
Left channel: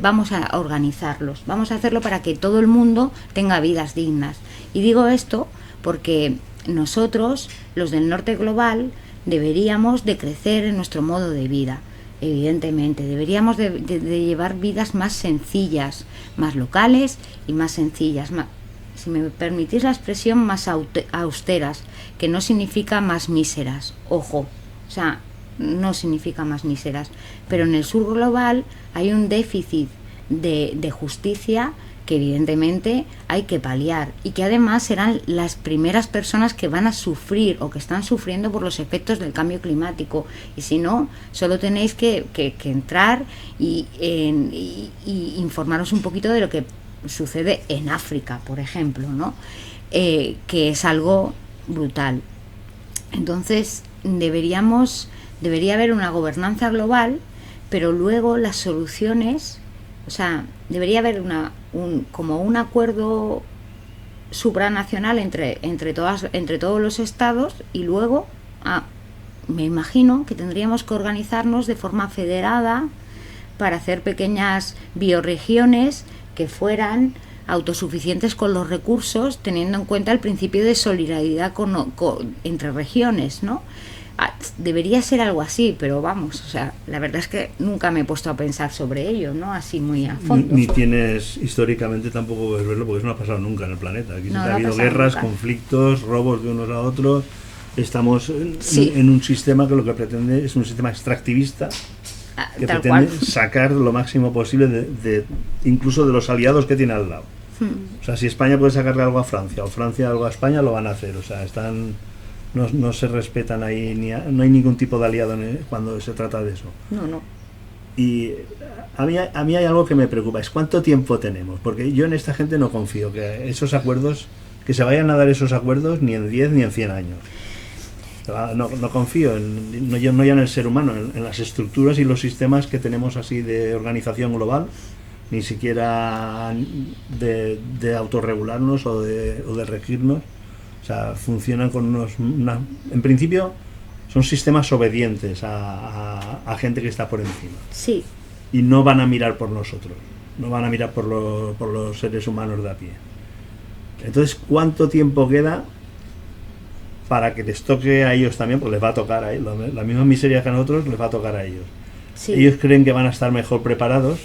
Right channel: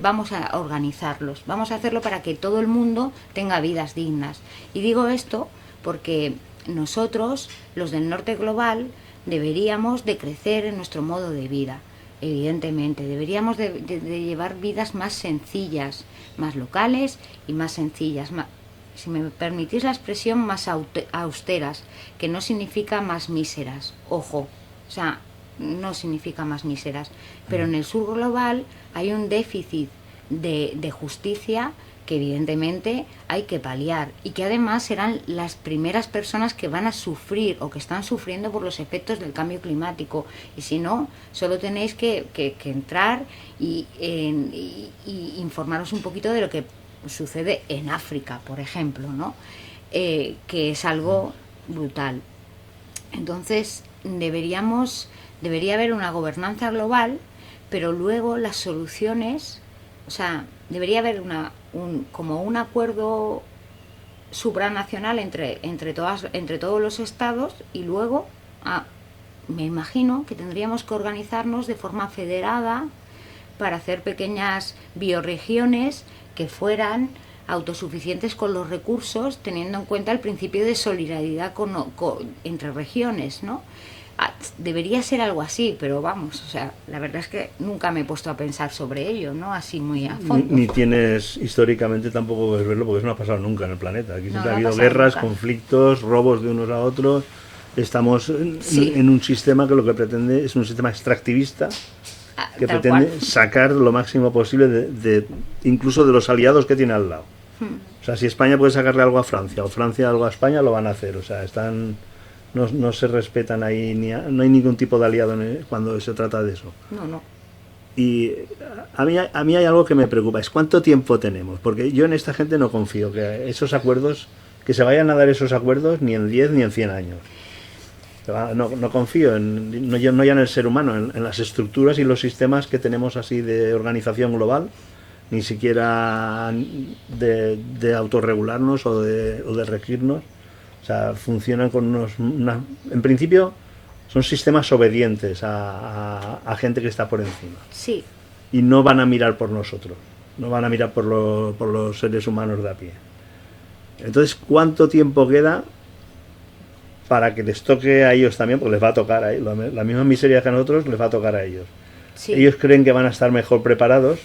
vamos a organizarlos, vamos a hacerlo para que todo el mundo tenga vidas dignas. Y digo esto porque nosotros, los del norte global, deberíamos de crecer en nuestro modo de vida. Evidentemente, deberíamos de llevar vidas más sencillas, más locales y más sencillas, si me permitís la expresión, más austeras, que no significa más míseras, ojo, o sea, no significa más míseras, pero en el sur global hay un déficit de justicia que evidentemente hay que paliar y que además serán las primeras personas que van a sufrir o que están sufriendo por los efectos del cambio climático. Y si no, solo tenéis que entrar y informaros un poquito de lo que sucede en África, por ejemplo, ¿no? Que es algo brutal. Entonces debería haber una gobernanza global, pero luego las soluciones, o sea, debería haber como un acuerdo supranacional entre todos los estados, y luego me imagino que tendríamos que organizarnos de forma federada para hacer pequeñas bioregiones que fueran autosuficientes con los recursos, teniendo en cuenta el principio de solidaridad entre regiones, ¿no? Debería ser algo así, pero vamos, o sea, la verdad es que nunca me he puesto a pensar sobre ello, ¿no? Así muy a fondo. Ni tienes, históricamente tampoco puedes verlo, porque eso no ha pasado nunca en el planeta. Aquí siempre ha habido guerras, conflictos, robos de unos a otros. Estamos en un sistema que lo que pretende es un sistema extractivista, que pretende sacar lo máximo posible de incluso de los aliados que tiene al lado. O sea, si España puede sacarle algo a Francia o Francia algo a España, lo van a hacer. O sea, no se respetan ahí, no hay ningún tipo de aliado cuando se trata de eso. No. Y a mí hay algo que me preocupa, es cuánto tiempo tenemos, porque yo en esta gente no confío, que esos acuerdos, que se vayan a dar esos acuerdos ni en 10 ni en 100 años. No confío no ya en el ser humano, en las estructuras y los sistemas que tenemos así de organización global, ni siquiera de autorregularnos o de regirnos. O sea, funcionan con en principio son sistemas obedientes a gente que está por encima. Sí. Y no van a mirar por nosotros, no van a mirar por los seres humanos de a pie. Entonces, ¿cuánto tiempo queda para que les toque a ellos también? Pues les va a tocar a ellos, la misma miseria que a nosotros les va a tocar a ellos. Sí. Ellos creen que van a estar mejor preparados,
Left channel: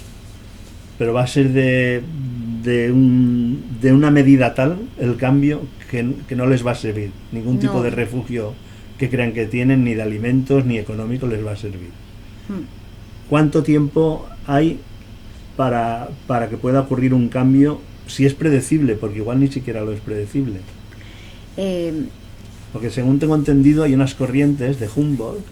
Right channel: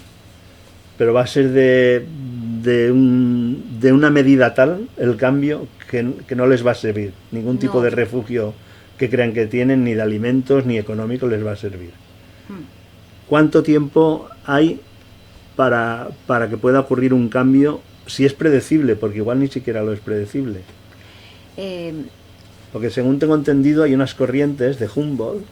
pero va a ser de una medida tal el cambio que no les va a servir. Ningún tipo No. de refugio que crean que tienen, ni de alimentos, ni económico, les va a servir. ¿Cuánto tiempo hay para que pueda ocurrir un cambio, si es predecible? Porque igual ni siquiera lo es predecible. Porque según tengo entendido hay unas corrientes de Humboldt,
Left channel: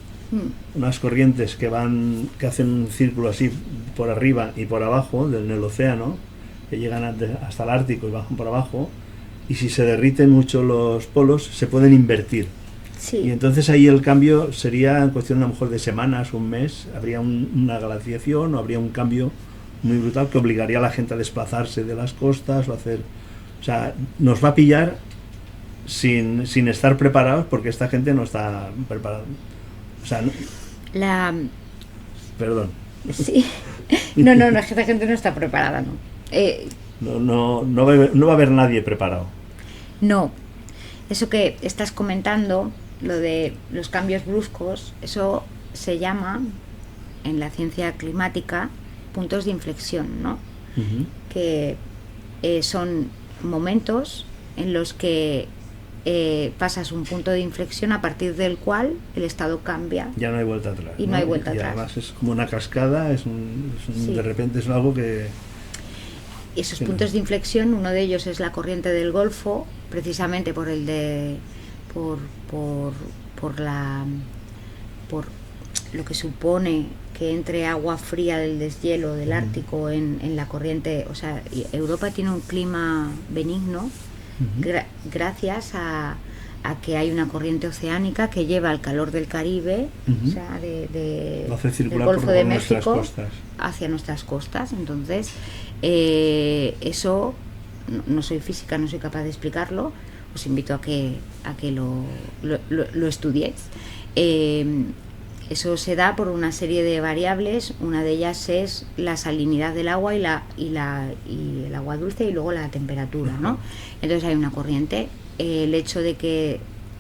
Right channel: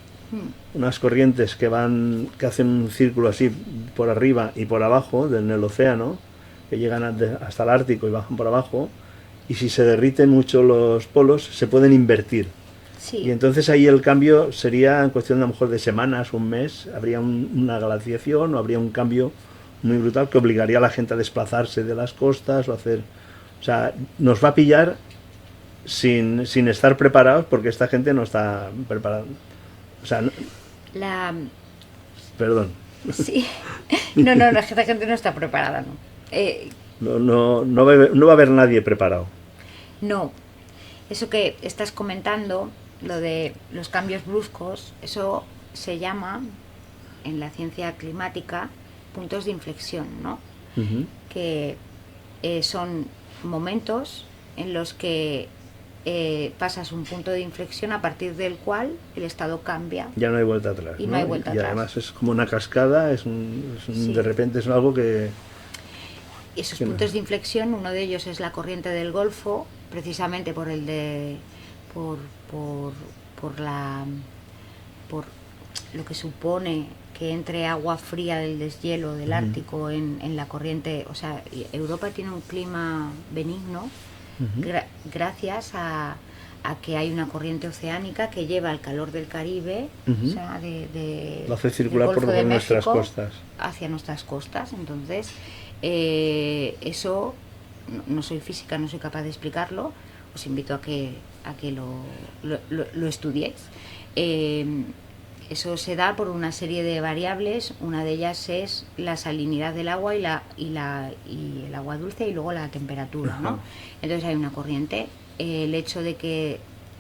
unas corrientes que hacen un círculo así por arriba y por abajo en el océano, que llegan hasta el Ártico y bajan por abajo, y si se derriten mucho los polos se pueden invertir. Sí. Y entonces ahí el cambio sería en cuestión de a lo mejor de semanas, un mes, habría una glaciación o habría un cambio muy brutal que obligaría a la gente a desplazarse de las costas o sea, nos va a pillar sin estar preparados, porque esta gente no está preparada. O sea, perdón. Sí. No, esta gente no está preparada, ¿no? No va a haber nadie preparado. No. Eso que estás comentando, lo de los cambios bruscos, eso se llama, en la ciencia climática, puntos de inflexión, ¿no? Que son momentos en los que pasas un punto de inflexión a partir del cual el estado cambia. Ya no hay vuelta atrás. Y no hay vuelta atrás. Además es como una cascada, Sí. De repente es algo que... Esos puntos de inflexión, uno de ellos es la corriente del Golfo, precisamente por lo que supone que entre agua fría del deshielo del Ártico en la corriente. O sea, Europa tiene un clima benigno gracias a que hay una corriente oceánica que lleva el calor del Caribe, o sea, lo hace circular del Golfo por de nuestras México costas. Hacia nuestras costas. Entonces, eso, no soy física, no soy capaz de explicarlo, os invito a que lo estudiéis. Eso se da por una serie de variables. Una de ellas es la salinidad del agua y el agua dulce, y luego la temperatura, ¿no? Entonces hay una corriente. El hecho de que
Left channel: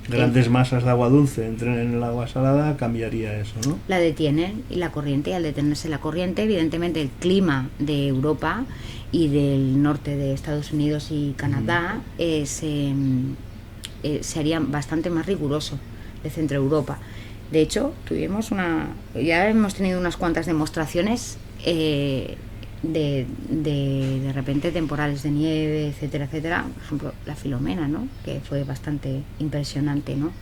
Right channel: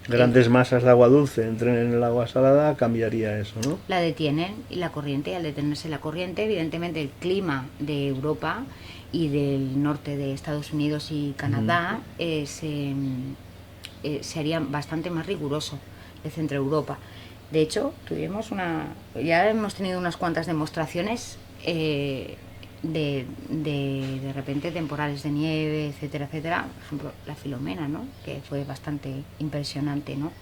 grandes masas de agua dulce entren en el agua salada cambiaría eso, ¿no? La detienen, y la corriente, y al detenerse la corriente, evidentemente el clima de Europa y del norte de Estados Unidos y Canadá se haría bastante más riguroso de Centro Europa. De hecho, ya hemos tenido unas cuantas demostraciones de repente temporales de nieve, etcétera, etcétera. Por ejemplo, la Filomena, ¿no? Que fue bastante impresionante, ¿no?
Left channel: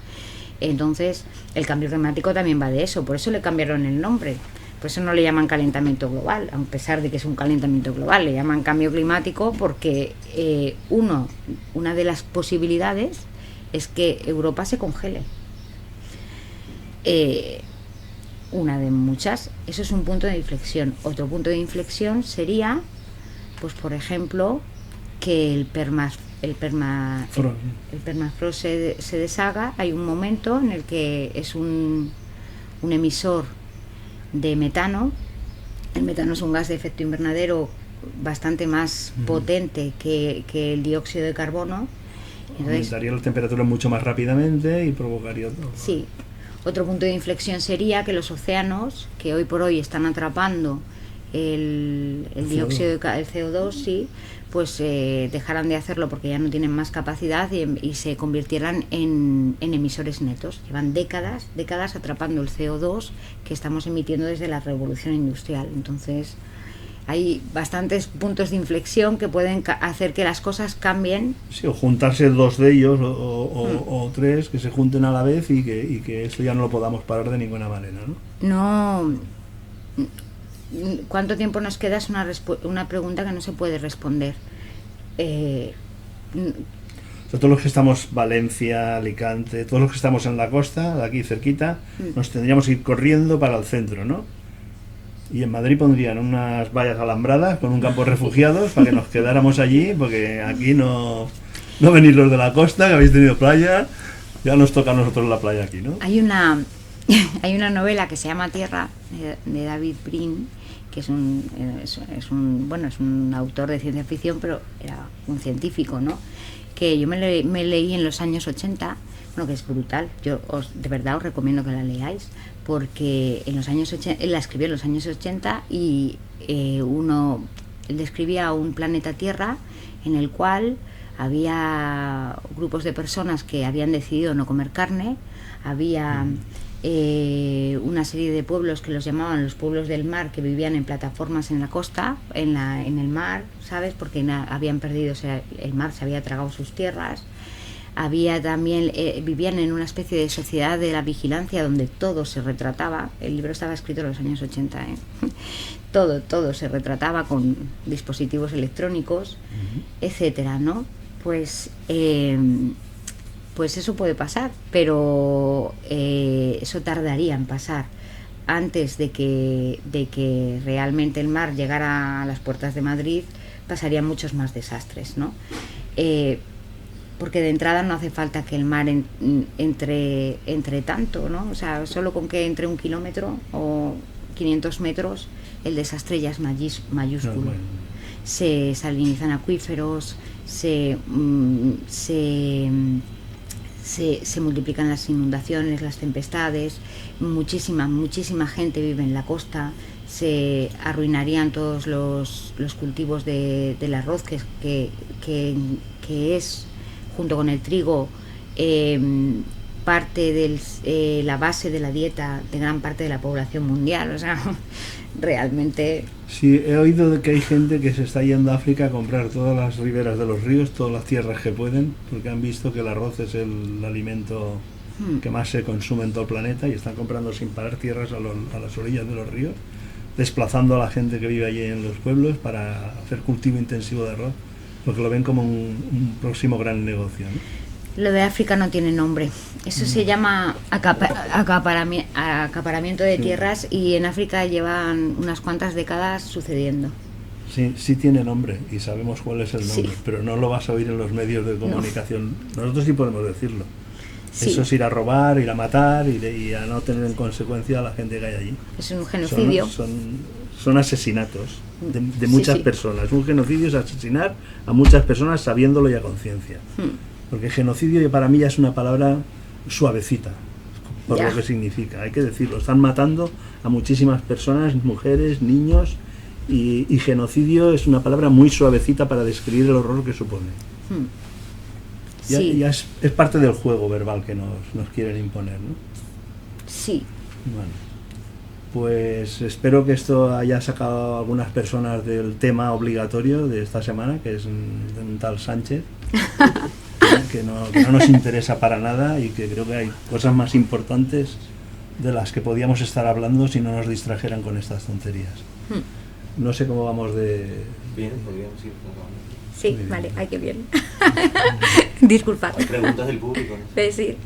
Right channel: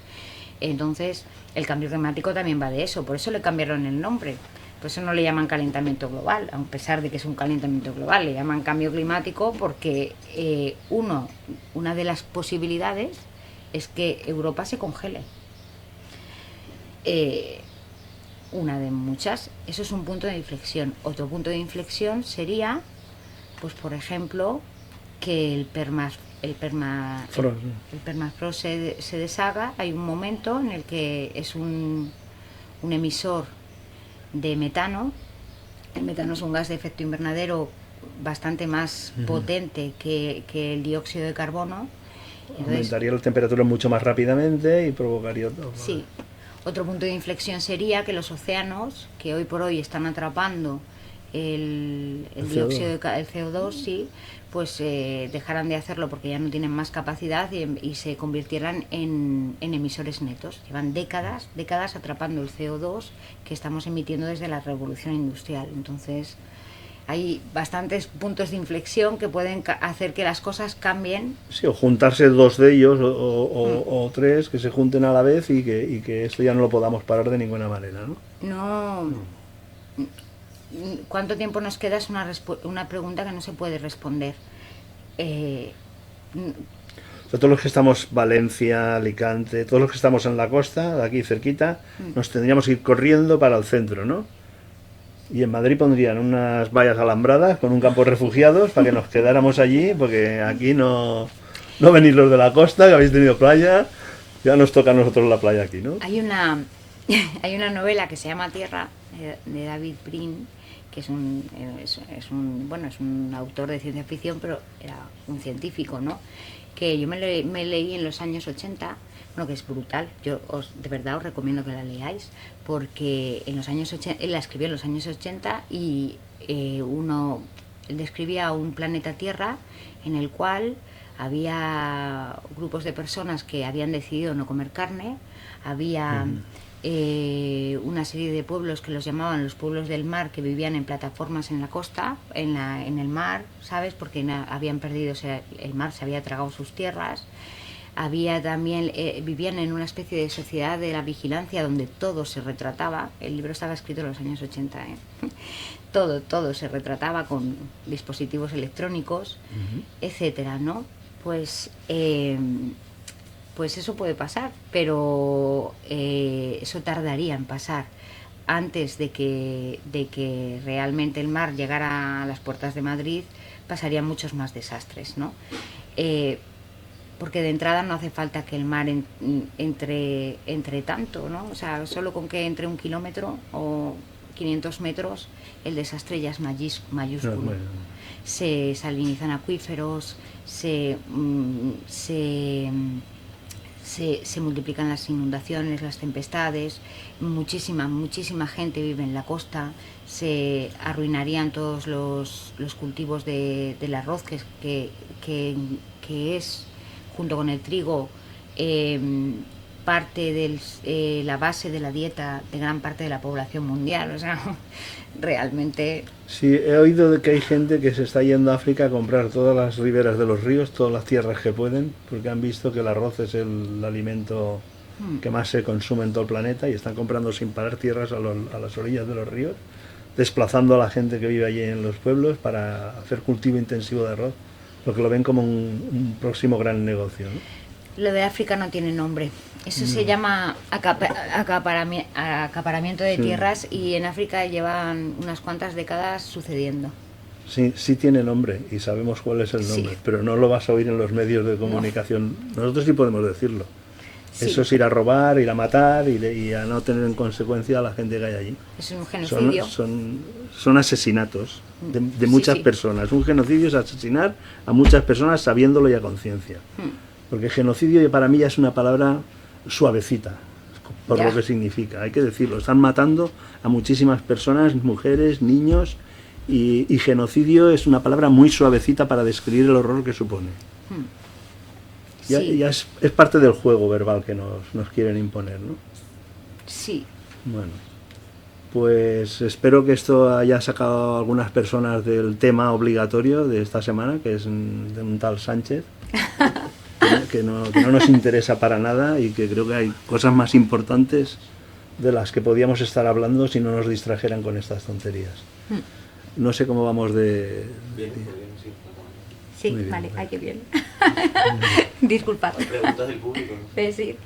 Entonces, el cambio climático también va de eso. Por eso le cambiaron el nombre. Por eso no le llaman calentamiento global, a pesar de que es un calentamiento global. Le llaman cambio climático porque una de las posibilidades es que Europa se congele. Una de muchas. Eso es un punto de inflexión. Otro punto de inflexión sería, pues por ejemplo, que el permafrost se deshaga. Hay un momento en el que es un emisor de metano. El metano es un gas de efecto invernadero bastante más potente que el dióxido de carbono. Entonces, aumentaría la temperatura mucho más rápidamente y provocaría otro. Sí. Otro punto de inflexión sería que los océanos, que hoy por hoy están atrapando el dióxido de el CO2, sí, pues dejaran de hacerlo porque ya no tienen más capacidad y se convirtieran en emisores netos. Llevan décadas atrapando el CO2 que estamos emitiendo desde la revolución industrial. Entonces, hay bastantes puntos de inflexión que pueden hacer que las cosas cambien. Sí, o juntarse dos de ellos o tres que se junten a la vez y que esto ya no lo podamos parar de ninguna manera, ¿no? No. ¿Cuánto tiempo nos queda? Es una pregunta que no se puede responder. Todos los que estamos Valencia, Alicante, todos los que estamos en la costa, de aquí cerquita, nos tendríamos que ir corriendo para el centro, ¿no? Y en Madrid pondrían unas vallas alambradas con un campo de refugiados para que nos quedáramos allí, porque aquí no venís los de la costa, que habéis tenido playa, ya nos toca a nosotros la playa aquí, ¿no? Hay una novela que se llama Tierra, de David Brin, que es un autor de ciencia ficción, pero era un científico, ¿no? Que yo me leí en los años 80, bueno, que es brutal. Yo de verdad os recomiendo que la leáis, porque en los años 80, él la escribió en los años 80 y él describía un planeta Tierra en el cual había grupos de personas que habían decidido no comer carne, había una serie de pueblos que los llamaban los pueblos del mar, que vivían en plataformas en la costa, en el mar, ¿sabes? Porque habían perdido, o sea, el mar se había tragado sus tierras. Había también, vivían en una especie de sociedad de la vigilancia donde todo se retrataba. El libro estaba escrito en los años 80, ¿eh? Todo se retrataba con dispositivos electrónicos, etcétera, ¿no? Pues eso puede pasar, pero eso tardaría en pasar. Antes de que realmente el mar llegara a las puertas de Madrid, pasarían muchos más desastres, ¿no? Porque de entrada no hace falta que el mar entre tanto, ¿no? O sea, solo con que entre 1 kilómetro o 500 metros, el desastre ya es mayúsculo. bueno. Se salinizan acuíferos, se multiplican las inundaciones, las tempestades, muchísima gente vive en la costa, se arruinarían todos los cultivos del arroz, que es, junto con el trigo, parte de la base de la dieta de gran parte de la población mundial. O sea, realmente... Sí, he oído de que hay gente que se está yendo a África a comprar todas las riberas de los ríos, todas las tierras que pueden, porque han visto que el arroz es el alimento que más se consume en todo el planeta, y están comprando sin parar tierras a las orillas de los ríos, desplazando a la gente que vive allí en los pueblos para hacer cultivo intensivo de arroz, porque lo ven como un próximo gran negocio, ¿no? Lo de África no tiene nombre. Eso se llama acaparamiento de tierras, y en África llevan unas cuantas décadas sucediendo. Sí tiene nombre y sabemos cuál es el nombre, Sí. pero no lo vas a oír en los medios de comunicación. Nosotros sí podemos decirlo. Sí. Eso es ir a robar, ir a matar y a no tener en consecuencia a la gente que hay allí. Es un genocidio. Son asesinatos de muchas Sí. personas. Un genocidio es asesinar a muchas personas sabiéndolo y a conciencia. Porque genocidio para mí ya es una palabra suavecita, por Ya. lo que significa. Hay que decirlo, están matando a muchísimas personas, mujeres, niños, y genocidio es una palabra muy suavecita para describir el horror que supone. Sí. Ya es parte del juego verbal que nos quieren imponer, ¿no? Sí. Bueno, pues espero que esto haya sacado a algunas personas del tema obligatorio de esta semana, que es de un tal Sánchez, que no nos interesa para nada, y que creo que hay cosas más importantes de las que podíamos estar hablando si no nos distrajeran con estas tonterías. No sé cómo vamos de... Bien, pues bien, sí, claro. Sí, Muy bien. vale, ay, qué bien. Disculpad. Preguntas del público, ¿no? Sí,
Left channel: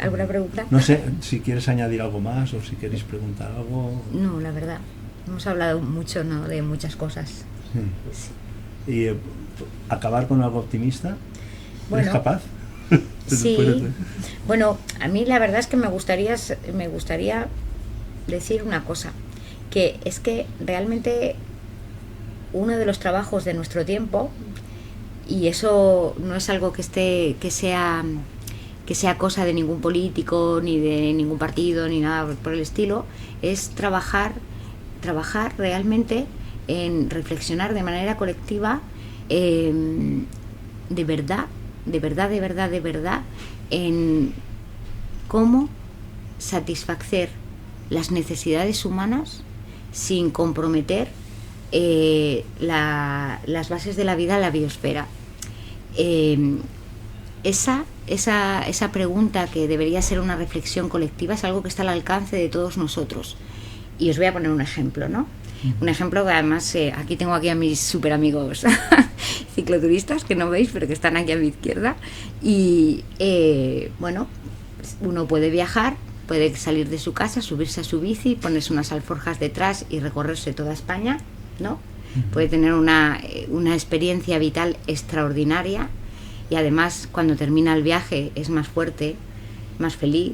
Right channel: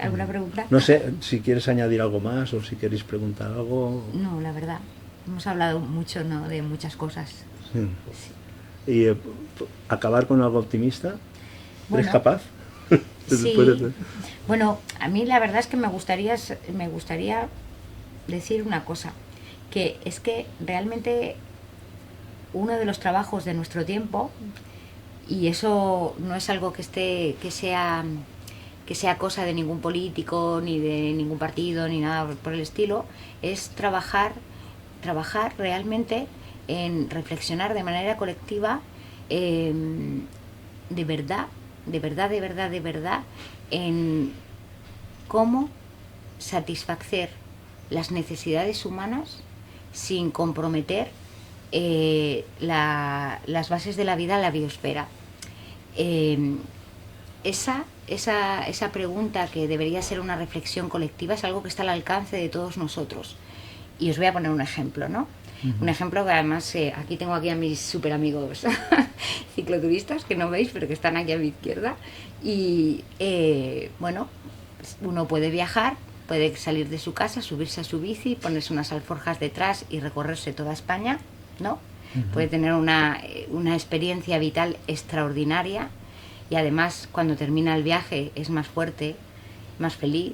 ¿alguna pregunta? No sé si quieres añadir algo más o si queréis preguntar algo. No, la verdad. Hemos hablado mucho, ¿no?, de muchas cosas. Sí. Y acabar con algo optimista. ¿Eres Bueno, capaz? Sí. Después de- Bueno, a mí la verdad es que me gustaría decir una cosa, que es que realmente uno de los trabajos de nuestro tiempo, y eso no es algo que sea cosa de ningún político, ni de ningún partido, ni nada por el estilo, es trabajar realmente en reflexionar de manera colectiva, de verdad, en cómo satisfacer las necesidades humanas sin comprometer las bases de la vida en la biosfera. Esa pregunta, que debería ser una reflexión colectiva, es algo que está al alcance de todos nosotros. Y os voy a poner un ejemplo, ¿no? Un ejemplo que además, aquí tengo a mis super amigos cicloturistas, que no veis, pero que están aquí a mi izquierda. Y bueno, uno puede viajar, puede salir de su casa, subirse a su bici, ponerse unas alforjas detrás y recorrerse toda España, ¿no? Puede tener una experiencia vital extraordinaria, y además cuando termina el viaje es más fuerte, más feliz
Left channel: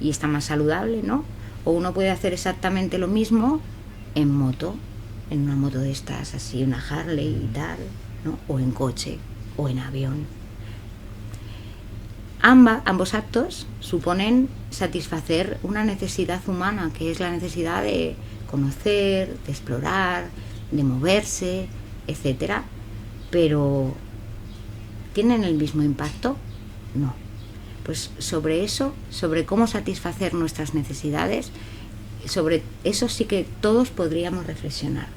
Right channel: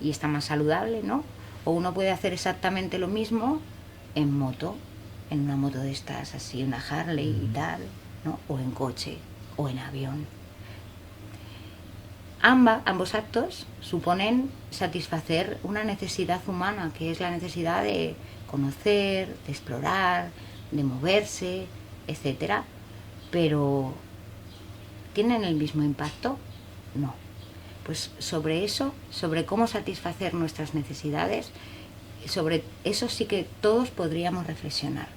y está más saludable, ¿no? O uno puede hacer exactamente lo mismo en moto, en una moto de estas, así, una Harley y tal, ¿no? O en coche, o en avión. ambos actos suponen satisfacer una necesidad humana, que es la necesidad de conocer, de explorar, de moverse, etcétera. Pero ¿tienen el mismo impacto? No. Pues sobre eso, sobre cómo satisfacer nuestras necesidades, sobre eso sí que todos podríamos reflexionar.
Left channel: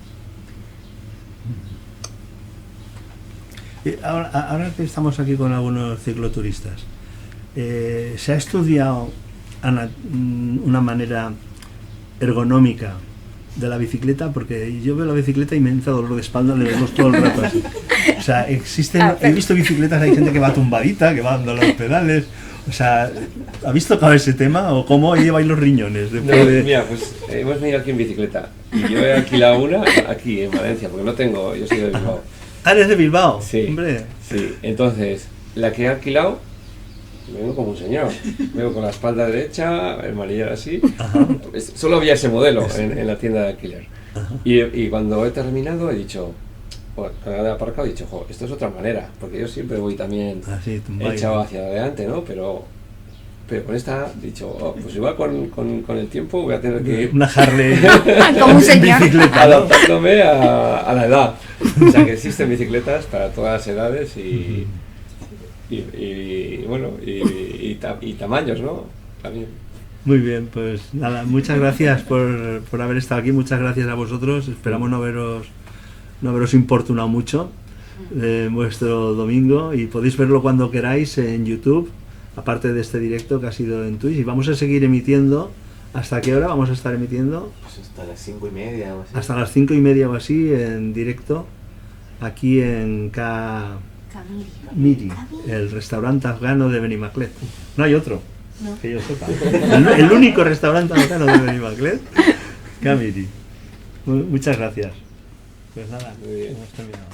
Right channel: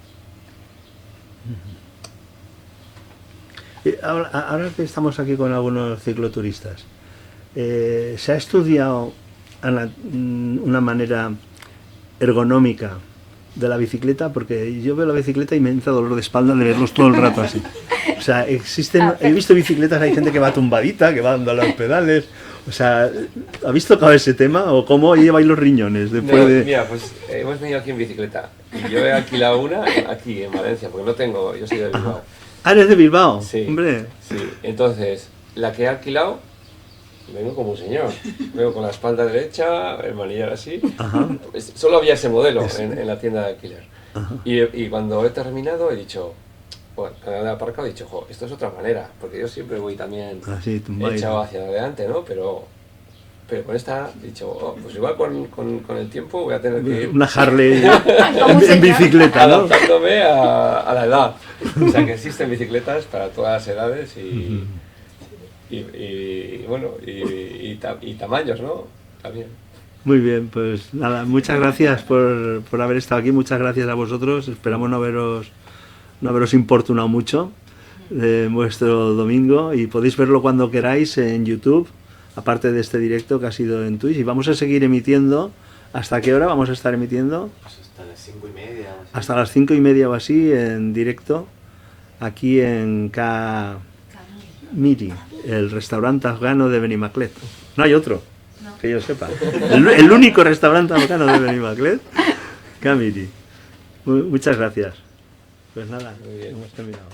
Ahora que estamos aquí con algunos cicloturistas, ¿se ha estudiado una manera ergonómica de la bicicleta? Porque yo veo la bicicleta y me entra dolor de espalda de verlos todo el rato así. O sea, he visto bicicletas, hay gente que va tumbadita, que va dando los pedales. O sea, ¿habéis tocado ese tema o cómo lleváis los riñones? Mira, pues hemos venido aquí en bicicleta y yo he alquilado una aquí en Valencia, porque no tengo, yo soy de Bilbao. Ah, ¿eres de Bilbao? Sí, hombre. Sí, entonces, la que he alquilado, vengo como un señor, vengo con la espalda derecha, el manillar así. Ajá. Solo había ese modelo en la tienda de alquiler. Ajá. Y cuando he terminado he dicho, bueno, cuando he aparcado he dicho, jo, esto es otra manera, porque yo siempre voy también echado hacia adelante, ¿no? Pero con esta he dicho, oh, pues igual con el tiempo voy a tener que ir una Harley Como un señor. bicicleta, ¿no? adaptándome a la edad. O sea que existen bicicletas para todas las edades y bueno, y tamaños, ¿no? También. Muy bien, pues nada, muchas gracias por haber estado aquí, muchas gracias a vosotros, esperamos no haberos importunado mucho en vuestro domingo y podéis verlo cuando queráis en YouTube, aparte de este directo que ha sido en Twitch, y vamos a seguir emitiendo. ¿Hasta qué hora vamos a estar emitiendo? Pues hasta las 5:30 o así. Hasta las 5:30 o así en directo, aquí en Miri, el restaurante afgano de Benimaclet. No hay otro, que yo sepa. El único restaurante afgano de Benimaclet, Camiri. Muchas gracias. Pues nada, Muy bien. hemos terminado.